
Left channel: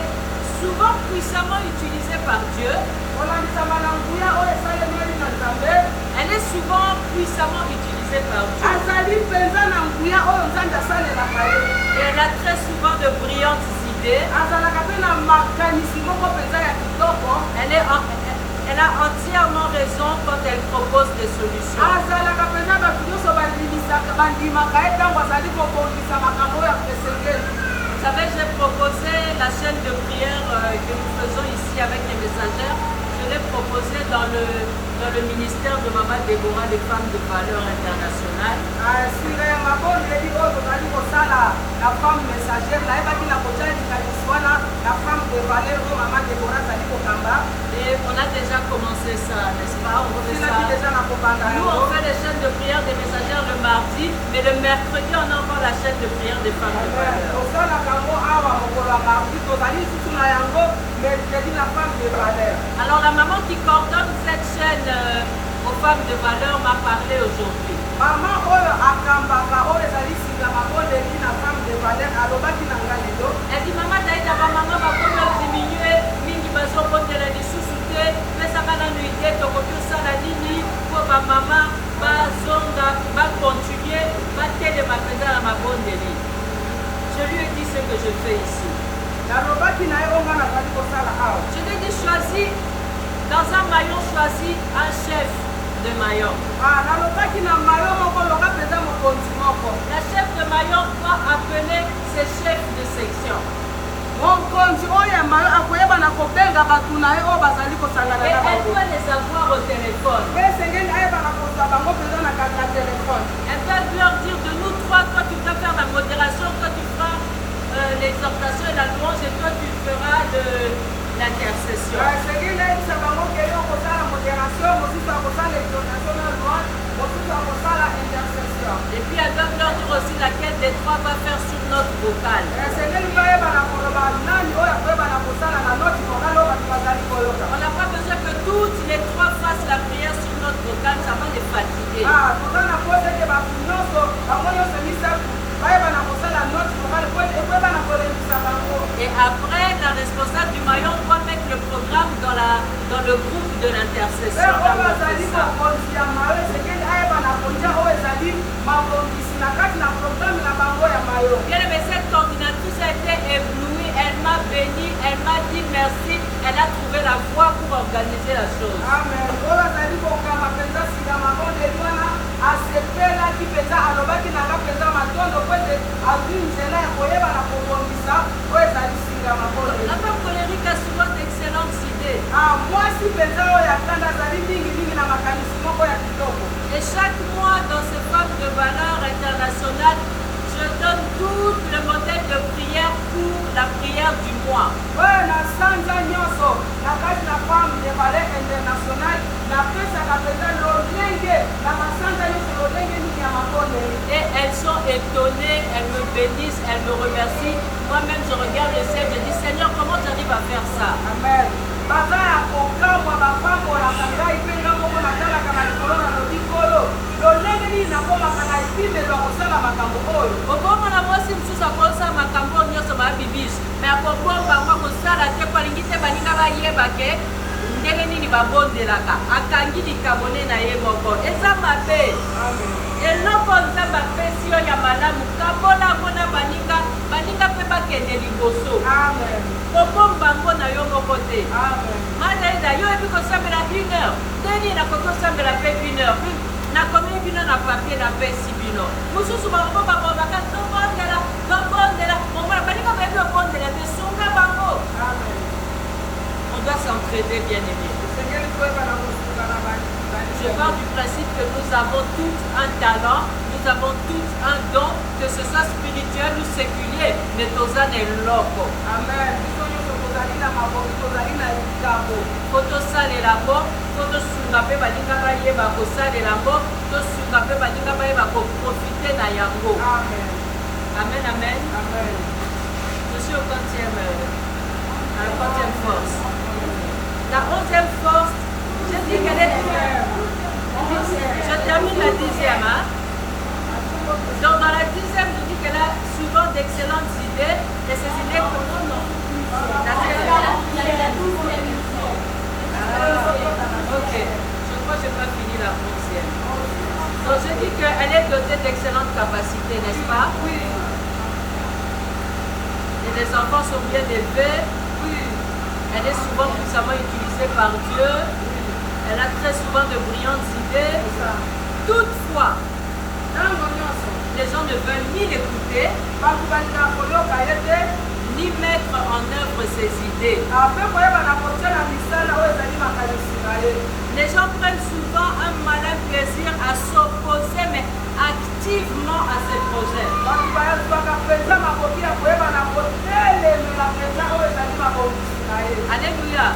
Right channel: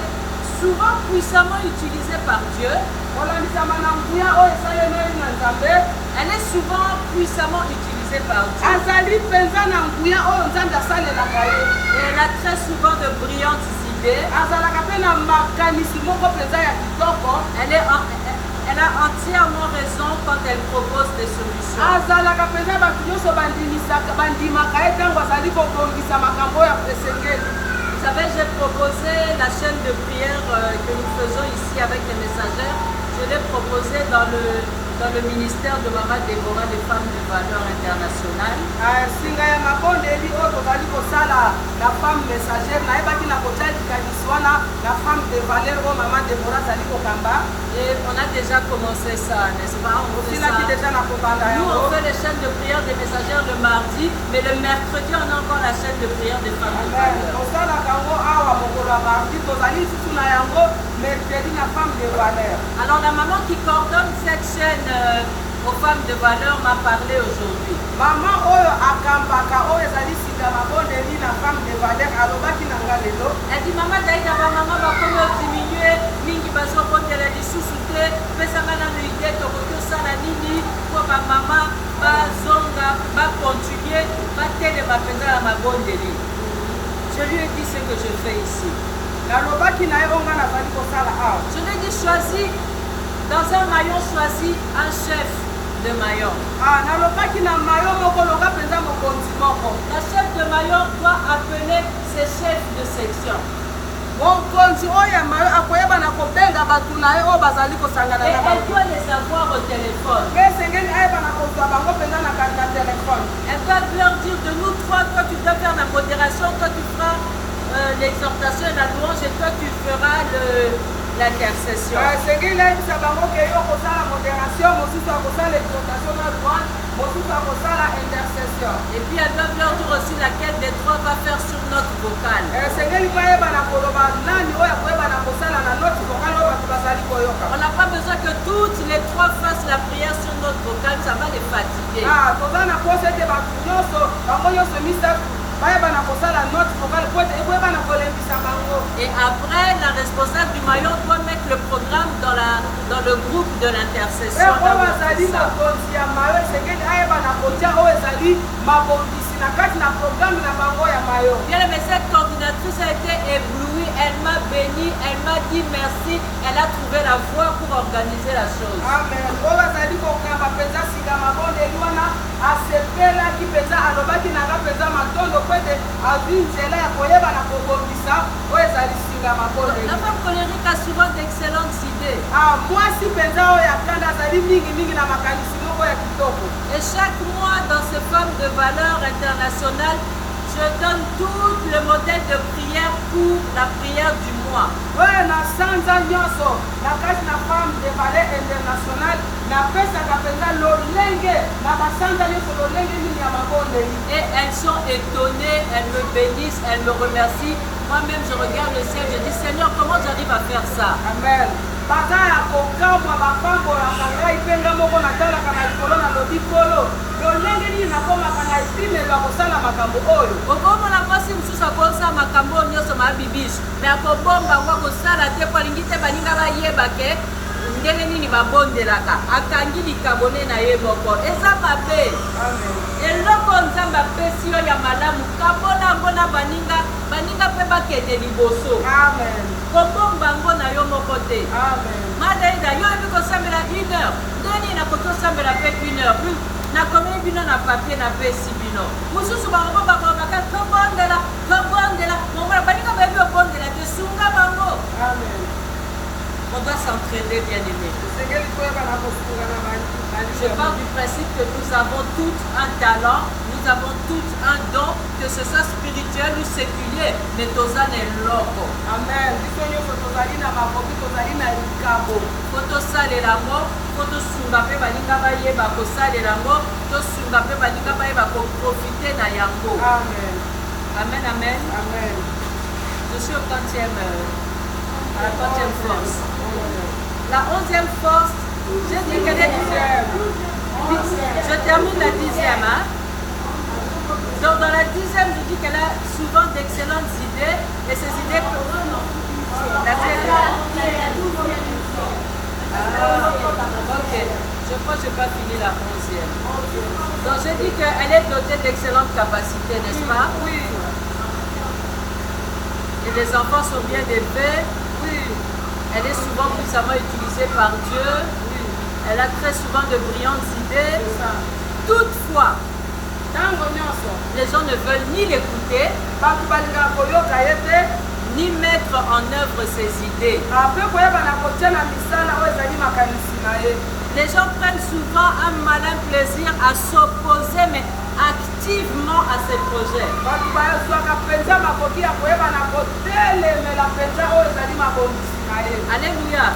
souvent puissamment utilisée par Dieu. Elle est souvent puissamment utilisée par Dieu. Et elle a très souvent de brillantes idées. Elle a entièrement raison quand elle propose des solutions. Vous savez, j'ai proposé la chaîne de prière que nous faisons ici avec les messagères. Je l'ai proposé dans le ministère de Maman Déborah des femmes de valeur internationale. singa ya mabondeli oyo tozali kosala na femme messagère nayebaki na kotia likanisi wana na femme de valeur oyo mama Déborah azali kokamba. Et on a déjà commencé ça, n'est-ce pas? On fait ça. Nous, on fait les chaînes de prière des messagères le mardi, mais le mercredi, on a encore la chaîne de prière des femmes de valeur. Alors, la maman qui coordonne cette chaîne aux femmes de valeur m'a parlé aujourd'hui. Maman oyo akambaka oyo ezali singa mabondeli na femme de valeur alobaki na nga lelo. Elle dit maman daïda ba maman bakomi diminuer mingi bazobondela lisusu te pesanga nanu ide tokoki osala nini po bamama bazonga bacontinue batelema mpenza na mabondeli. Je lui ai dit ce que je fais ici. Nalobaki na ye onga nazali kosala awa. Je lui ai dit choisis dans un maillon, choisis un chef de maillon. Nalobaki na maillon moko loka penza mokonzi moko. La chef de maillon doit appeler ses chefs de section. Mokonzi oyo ya maillon akoyeba na kobenga batu na ye oyo bazali kosangana na bango. Elle doit les avoir au téléphone. Mpe esengeli ayeba na kozwa bango penza na téléphone. Elle va leur dire de nous trois, toi tu peux faire la modération, toi tu feras l'exhortation et la louange et toi tu feras l'intercession. Esengeli ayebisa bango ke yo kosala modération, mosusu akosala exhortation na louange, mosusu akosala intercession. Et puis elles doivent leur dire aussi laquelle des trois va faire sur notre vocale. Esengeli bayeba na koloba nani oyo akoyeba na kosala na notre vocale oyo bato bazali koyoka. On n'a pas besoin que toutes les trois fassent la prière sur notre vocale, ça va les fatiguer. Toza na pose ete bato nyonso bango nyonso misatu bayeba na kosala notre vocale po ete ekoyeba na kolembisa bango. Et après, la responsable du maillon doit mettre le programme dans le groupe de l'intercession. Bien aimé, cette coordinatrice a été éblouie, elle m'a béni, elle m'a dit merci, elle a trouvé la voie pour organiser la chose. Amen. La femme colérique a souvent d'excellentes idées. Et chaque mois dans ces femmes de valeur internationale, je donne tout le modèle de prière pour la prière du mois. Et elles sont étonnées, elles me bénissent, elles me remercient. Moi-même, je regarde le ciel, je dis Seigneur, comment j'arrive à faire ça? Amen. Baza ya kokamwa bapambo ya kangai penga moko natalaka na likolo na lobi kolo lolenge nini nakomaka na epimelo ya kosala makambo oyo okomona mwasi mosusu akosala makambo oyo nyonso mabibiso me akobomba ngo akosala te po alingi te baninga bayeba ke ndenge nini babondelaka akangi likabone na ye moko eza mabe. Eloko nzambe apesi yo ya malamu kabola ngo na baninga mpe bakende liboso. Kobomba ngo na yo moko te. Madaida yo ebi kosambela 1 heure ndeni nakoki osambela mpe 1 heure nakomi bino na papier napesi bino mosusu bango bakobaka tobondela momona baninga bayebi obondela te sunga bango. On doit s'entraider, bien aimé. Je pars du principe que nous avons tous un talent, nous avons tous un don, que ce soit spirituel ou séculier, mais tozana eloko. Amen. Faut tosalela ngo, faut tosunga mpe balinga bayeba kosalela ngo, tosunga mpe balinga bayeba koprofite na yango. Amen. Amen, amen. Amen. Je suis à la 4e force. La 11e force, je dis qu'elle est 10e. Je termine la 10e. Hein? Donc dans la 10e, je dis qu'elle a souvent d'excellentes idées. Et ces idées... Ok, je crois que je n'ai pas fini la 11e. Donc je dis qu'elle est dotée d'excellentes capacités, n'est-ce pas? Oui. Et les enfants sont bien élevés. Oui. Elle est souvent puissamment utilisée par Dieu. Oui. Elle a très souvent de brillantes idées. Toutefois, les gens ne veulent ni l'écouter, ni mettre en œuvre ses idées. Les gens prennent souvent un malin plaisir à s'opposer, mais activement à ces projets. Alléluia.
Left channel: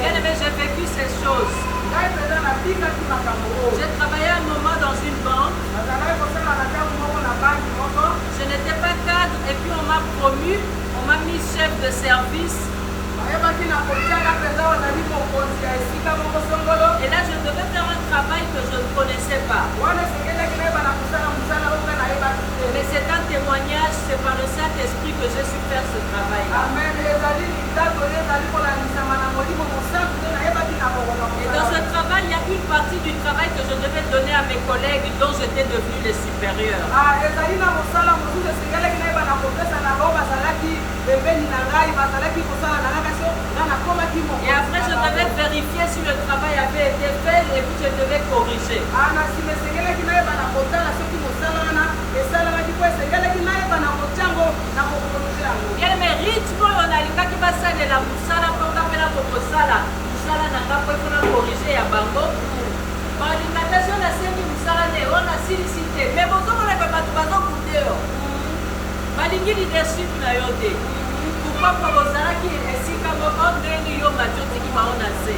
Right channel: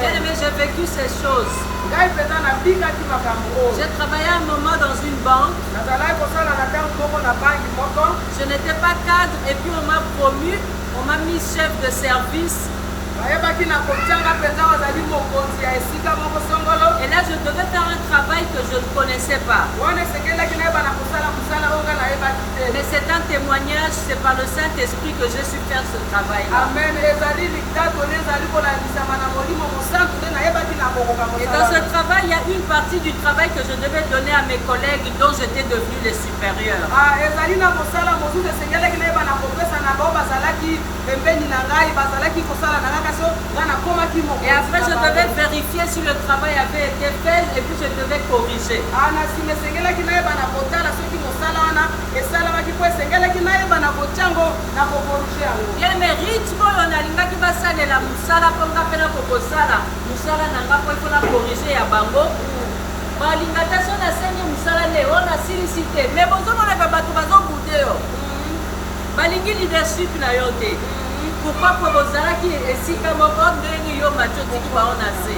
Bien aimé, j'ai vécu ces choses. J'ai travaillé un moment dans une banque. Je n'étais pas cadre et puis on m'a promu, on m'a mis chef de service. Et là, je devais faire un travail que je ne connaissais pas. Mais c'est un témoignage, c'est par le Saint-Esprit que j'ai su faire ce travail-là. Et dans ce travail, il y a une partie du travail que je devais donner à mes collègues dont j'étais devenu les supérieurs. Et après, je devais vérifier si le travail avait été fait et puis je devais corriger. Bien, mais rythme, on a l'ingaki basale la musala, ponga pena kokosala, musala na kapo il faut la corriger à bango. Balingatation na sengi musala ne on a silicité, mais bozo mona pe bato bazo kudeo. Balingi leadership na yote. Pourquoi pour bozalaki esika moko ndenge yo machoti ki ba on a se.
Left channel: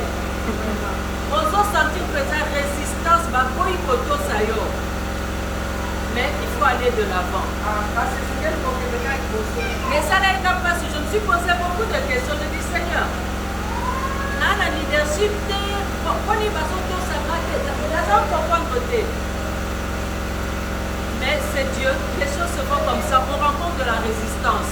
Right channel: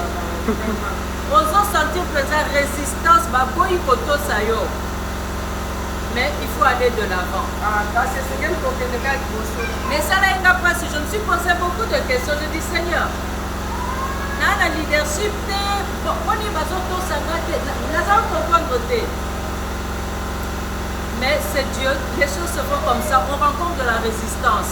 Bozo sentir présent résistance baboyi koto sayo. Mais il faut aller de l'avant. Mais ça là, il n'a pas si. Je me suis posé beaucoup de questions. Je dis, Seigneur, dans la leadership, on y va surtout s'attaquer. Nous allons comprendre. Mais c'est Dieu. Les choses se font comme ça. On rencontre de la résistance.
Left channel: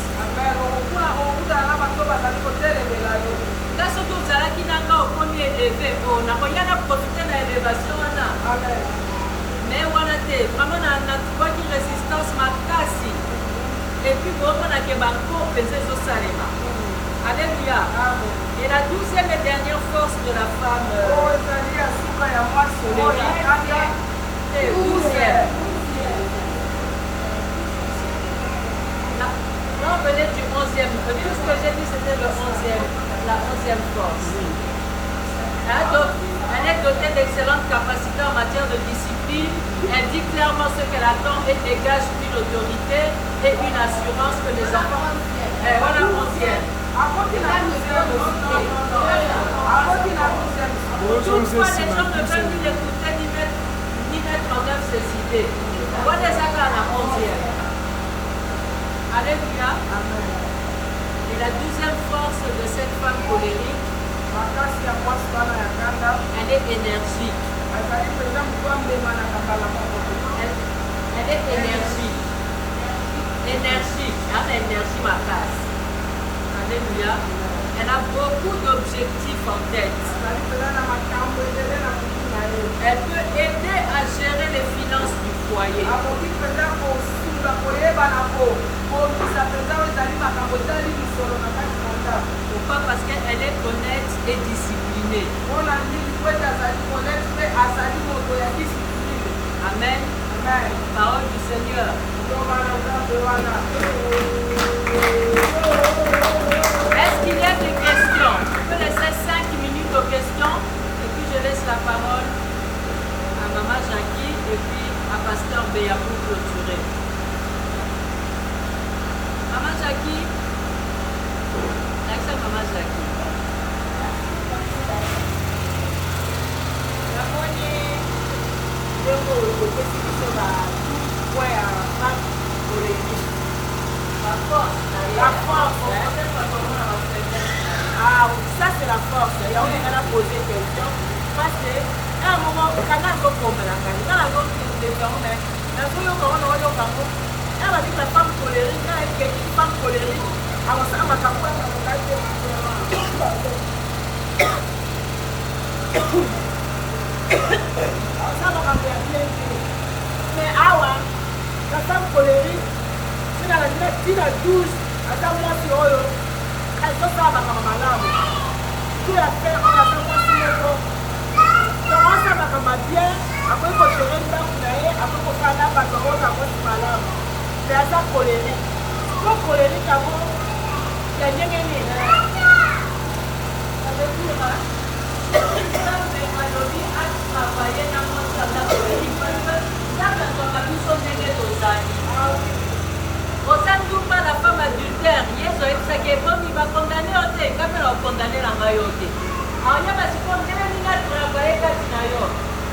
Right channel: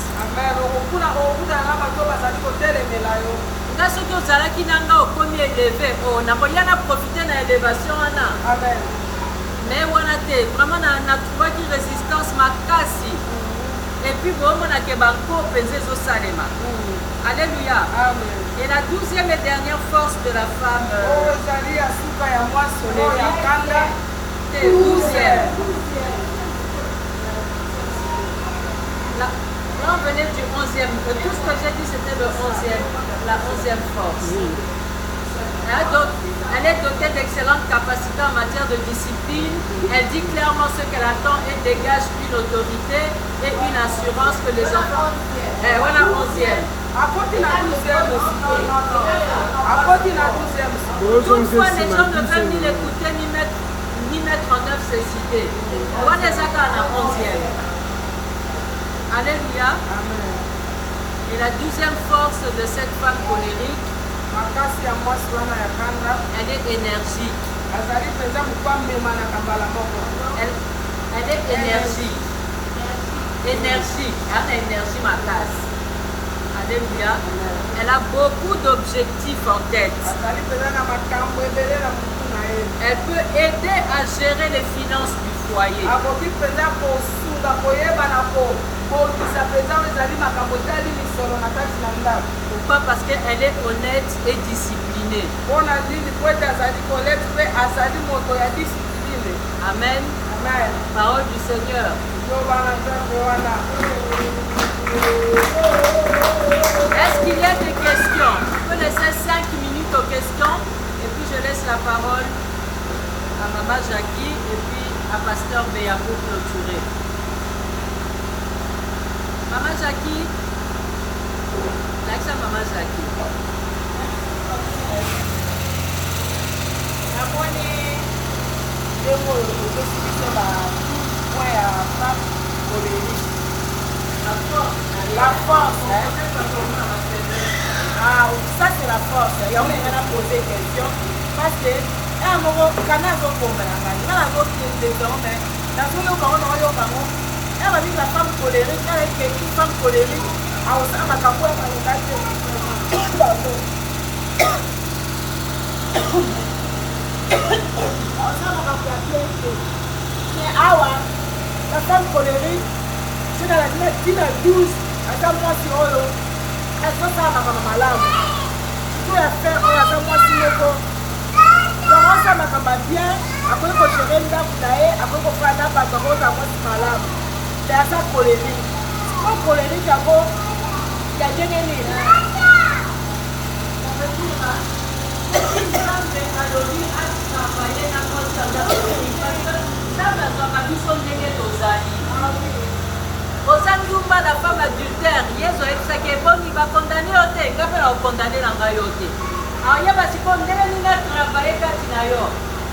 Là, ce que vous allez qui n'a pas au premier élevé, on a profité de l'élévation. Amen. Mais voilà, vraiment, on a trouvé une résistance makasi. Et puis, on a que banco pesé au salema. Alléluia. Et la 12e et dernière force de la femme. Et 12e. Là, on venait du 11e. Tout ce que j'ai dit, c'était le 11e. La 11e force. Hein, donc, elle est dotée d'excellentes capacités en matière de discipline. Elle dit clairement ce qu'elle attend et dégage une autorité et une assurance que les enfants... voilà 11e. Toutefois, les gens ne veulent ni l'écouter ni mettre en œuvre ses idées. Voilà les accords à la 11e. Alléluia. Et la 12e force de cette femme colérique, elle est énergique. Elle est énergique. Énergique. Elle a l'énergie ma casse. Alléluia. Elle a beaucoup d'objectifs en tête. Elle peut aider à gérer les finances du foyer. Pourquoi? Parce qu'elle est honnête et disciplinée. Amen. Parole du Seigneur. Est-ce qu'il y a des questions? Je peux laisser 5 minutes aux questions et puis je laisse la parole à Maman Jackie et puis à Pasteur Béa pour clôturer. Maman Jackie, avec Maman Jackie. La force, hein? Ah, ça c'est la force. Il y a un qui a posé une question. Parce que, à un moment, quand on a un peu de elle m'a dit que la femme colérique, elle est une femme colérique. Alors ça m'a capé à l'occasion. Pardon. Alors ça m'a capé à bien. Mais ah ouais, la femme colérique, c'est dans la 12, attends moi sur eux. Elle fait ça à ma malade. Tout a fait, on attend moi sur le corps. Donc ça m'a capé bien. Après qu'on gérer une dame, après qu'on fait un dame, après qu'on a moi sur malade. me aza colérique siko colérique yango ya ndenge nini nzambe alobi atravaye na mosala colérique nzambe azwaka biso ndenge tozali oza ndumba na femme adultère yesu ayebisaki eboni bakondane yo te nga mpe na okondane na ngai yo te aoyeba sikoyo ndenge nini atravaye kati na yo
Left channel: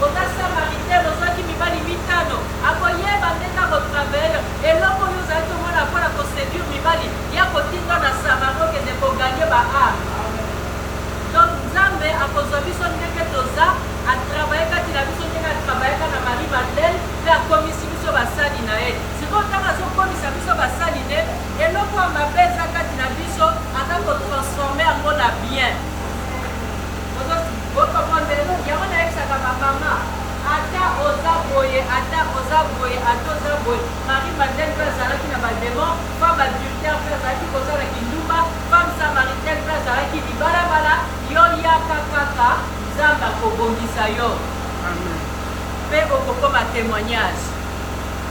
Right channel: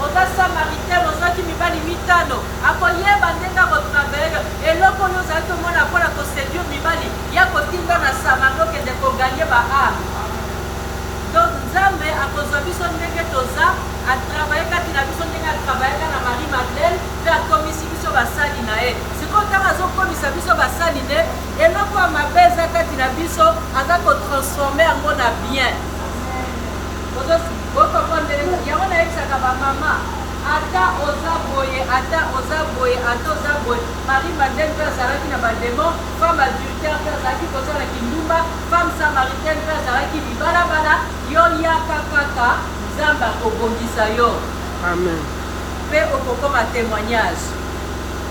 oza samaritaine ozwaki mibali 5 akoyeba ndenge akotravaye yo eloko oyo ozali komona mpona koséduire mibali ya kotinda na samari okende koganye baame donc nzambe akozwa biso ndenge toza atravaye kati na biso ndenge atravayaka na Marie Madeleine mpe akomisi biso basali na ye sikoyo ntango azokomisa biso basali ne eloko ya mabe eza kati na biso aza kotransforme yango na bien yango nayebisaka bamama ata oza boye ata oza boye Marie Madeleine mpe azalaki na bademon femme adultère mpe azalaki kozala kindumba femme samaritaine mpe azalaki libalabala yo yaka kaka nzambe akobongisa yo mpe okokoma témoignage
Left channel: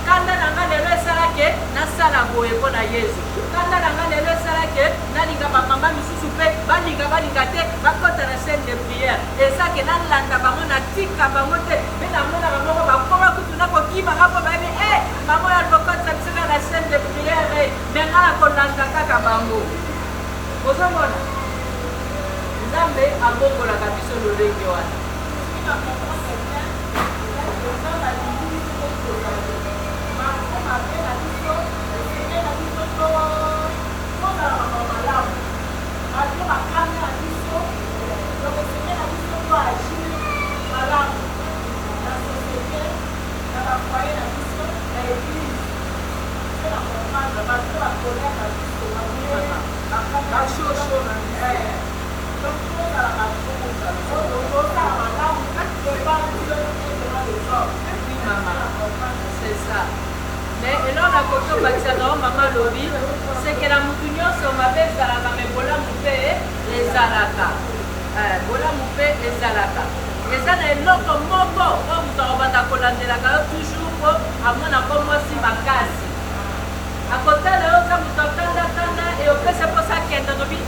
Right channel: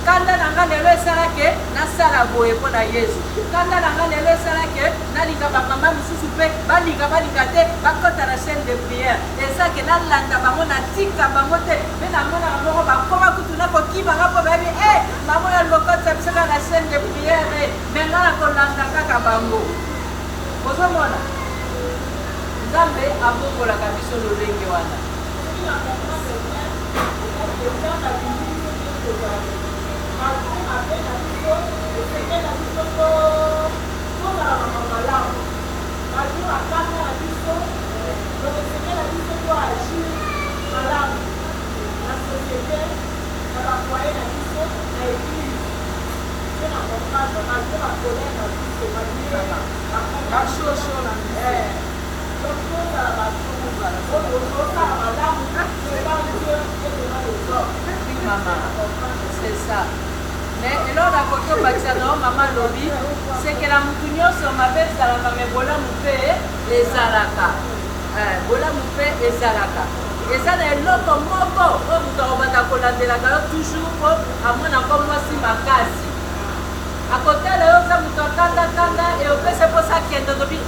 kanda na nga lelo esalaki nasala boye mpo na yesu kanda na nga lelo esalaki nalinga bamama misusu mpe balinga te bakota na scène de prière ezake nalanda bango natika bango te mpe namonaka moko bakoma kutu nakokimaka mpo bayebi mamo ya lokotisa biso kaka na scène de prière me nga na kolanda kaka bango ozomona nzambe abongolaka biso lolenge wana c'est ça mais eloko na koki obakisaka o mama lobi seke na mutu nyonso mabe ezalaka me bolamu mpe ezalaka eza na eloko moko oyo moto akobanda kolandelaka yo toujours po amona ko mwasi makasi akotala yo ta moto akandakanda eopesa mposa akende ozobi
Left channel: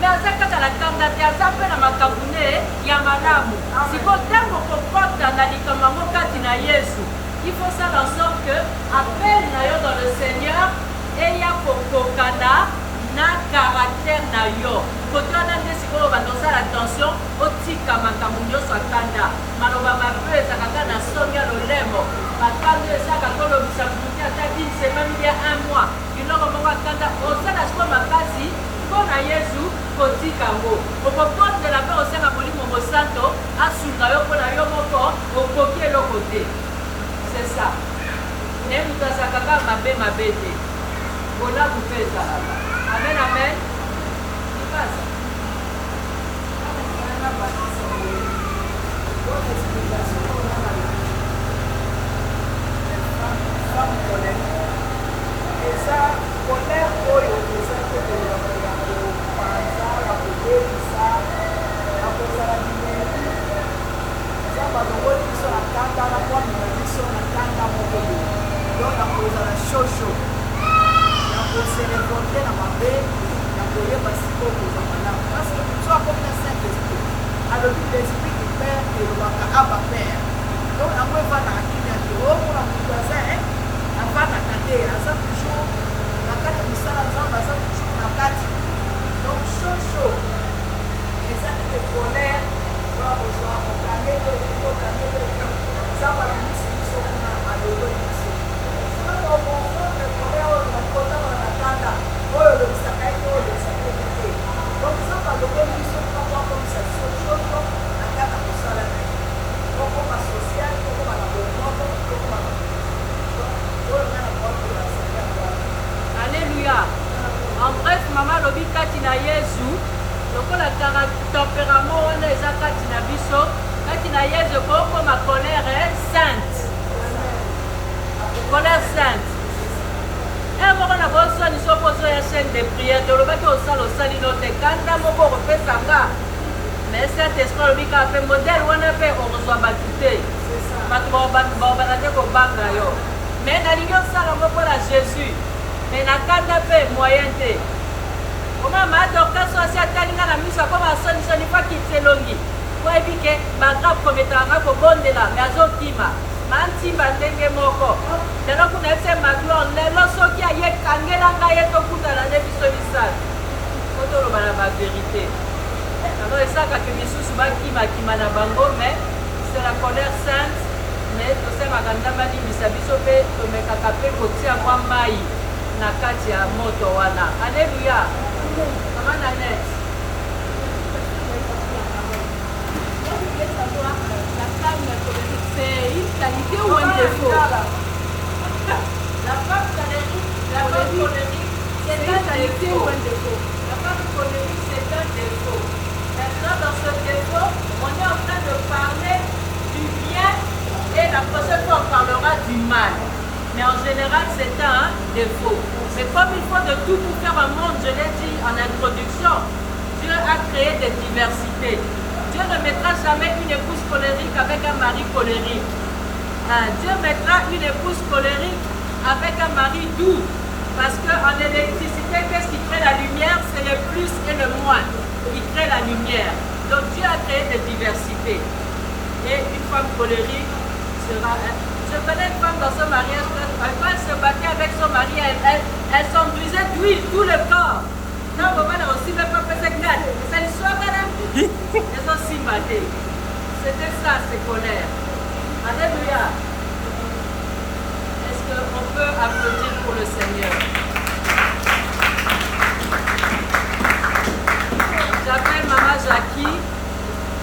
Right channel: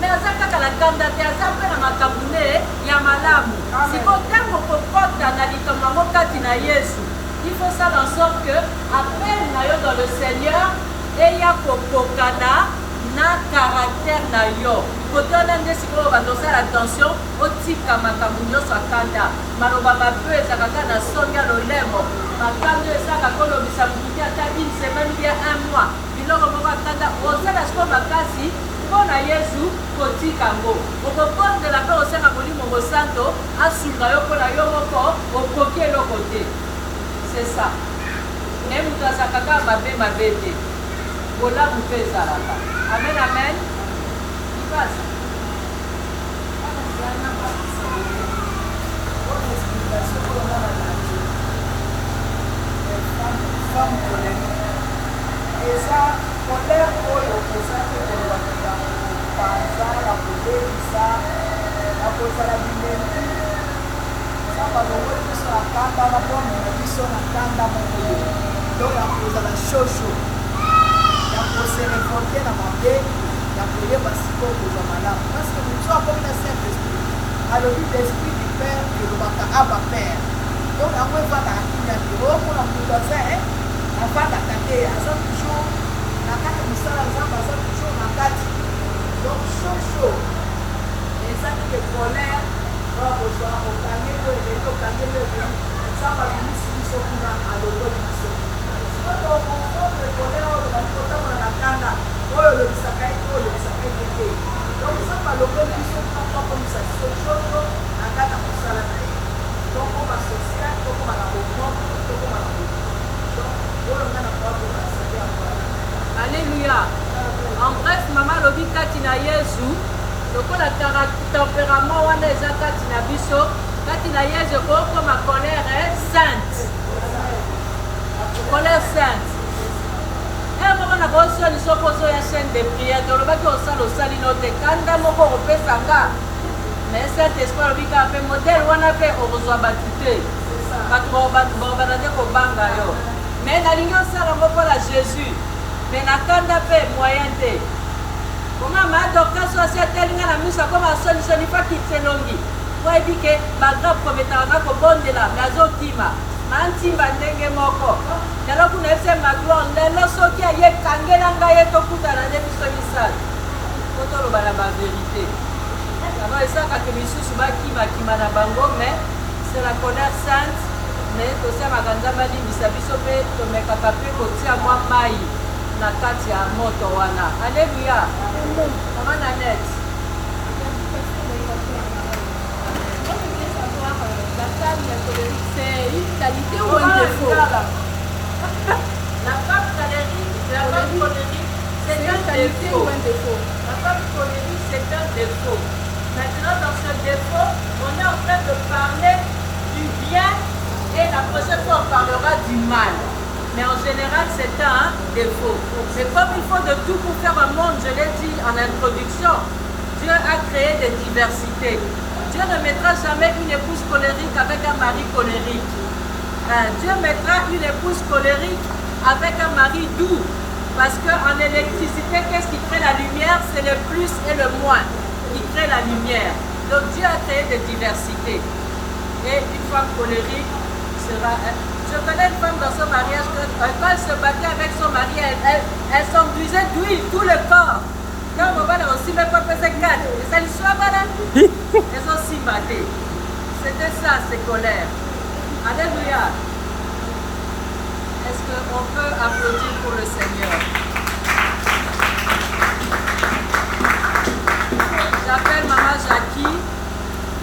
me aza kaka na kanda te aza mpe na makambo ne ya malamu siko ntango kokota na likambo yango kati na yesu il faut ça en sorte que appel na yo dans le Seigneur eya kokokana na caractère na yo kote wana nde sikoyo bandosala attention otika makambo nyonso akanda maloba mabe ezalaka kaka na songi ya lolemo makando ezalaka kolobisa motu te ata une semaine ou bien 1 mois biloko moko akanda osala sikoyo makasi mpo na yesu kotika yango okobondela mpe osenga molimo mosanto asunga yo mpo na yo moko okoki eloko te c'est ça me moto azalaka kaka mabe te bolamu mpe ezalaka amen amen kipasa eza kolere oyo eza te kolobaka ya kopanza ya kobebisa ya kozala bilengi eza balongoli biso na kanda na bwamona biso na kanda moko boye do ya kozala shosho ya koserevolte na mabe ya koyeba sikoyo kozwa malamu parce que biso akomi na saint esprit alobi l'esprit du père elobaka aba père donc yango evandaka kilia te omona moto aza avandaka te aza toujours na kati ya mosala nzambe aza toujours na kati donc shosho eza teke colère oya kozwa okangeli okangeli nzambe abimisi biso kuna alongoli biso sikoyo okomprendre colère oyo nali kotambola na kanda oyo olobisaka ye oyo olobisaka ye te donc nzambe alongoli biso kuna po akomisa biso shosho na kati ya mosala na ye donc koma social tokoma na bomoto tokoma na oyo nga na koatela sike ya kwana alléluia en bref mama alobi kati na yesu lokola tempérament wana eza kati na biso kati na yesu ekokoma colère sainte colère sainte moko na bosoni soko ozoya chaîne de prière tolobaki osala osali no te kanda moko okopesanga mais saint esprit alobi kaka mpe modele wana mpe okozwa bato te bato baobanda te kobanga yo Mais nalingi osala ngo mpola Jésus. Mais nakanda mpe moyen te. Comment ma docteur sosi atelinga na miso akoma asoni pa kitelongi. Oyebi ke bagrape kometaka nga kobondela me azokima. Mantimba ndenge moko. Lelo kuna ese magloire lelo soki aye kangela ngai ye tokutana nde biso misato. Toloba na baverité. Alors esaka ke misusu bakima na bango mais c'est la colère sainte. Mais tosemaka ndamba limbisa biso mpe tomekaka mpe kotia mwa mai na kati ya moto wana. Alléluia. Maman Nanette. La femme colérique, c'est une qualité ou un défaut? La femme colérique, c'est une un qualité défaut. ou un défaut? La femme colérique, c'est un défaut. Maintenant, dans ce défaut, on est en train de parler du bien et la prochaine fois, on parlera du mal. Mais en général, c'est un défaut. Mais comme il faut de tout pour faire un monde, je l'ai dit en introduction, Dieu a créé des diversités. Dieu ne mettra jamais une épouse colérique avec un mari colérique. Dieu mettra une épouse colérique avec un mari doux. Parce qu'en électricité, qu'est-ce qui crée la lumière? C'est le plus et le moins qui crée la lumière. Donc Dieu a créé des diversités. Et une femme colérique sera... Je connais une femme dans son mariage, quand elle se battait avec son mari, elle s'enduisait d'huile tout le corps. Quand on va aussi le peuple se calme. Et ça lui soit voilà. Elles ont si batté. C'était ça, ces colères. Alléluia. Est-ce qu'on peut applaudir pour le Seigneur? J'appelle Maman Jackie,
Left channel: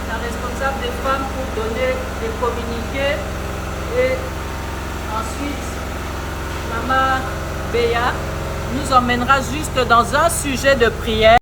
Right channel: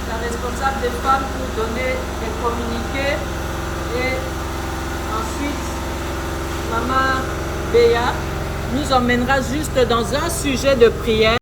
la responsable des femmes, pour donner des communiqués. Et ensuite, Maman Béa nous emmènera juste dans un sujet de prière.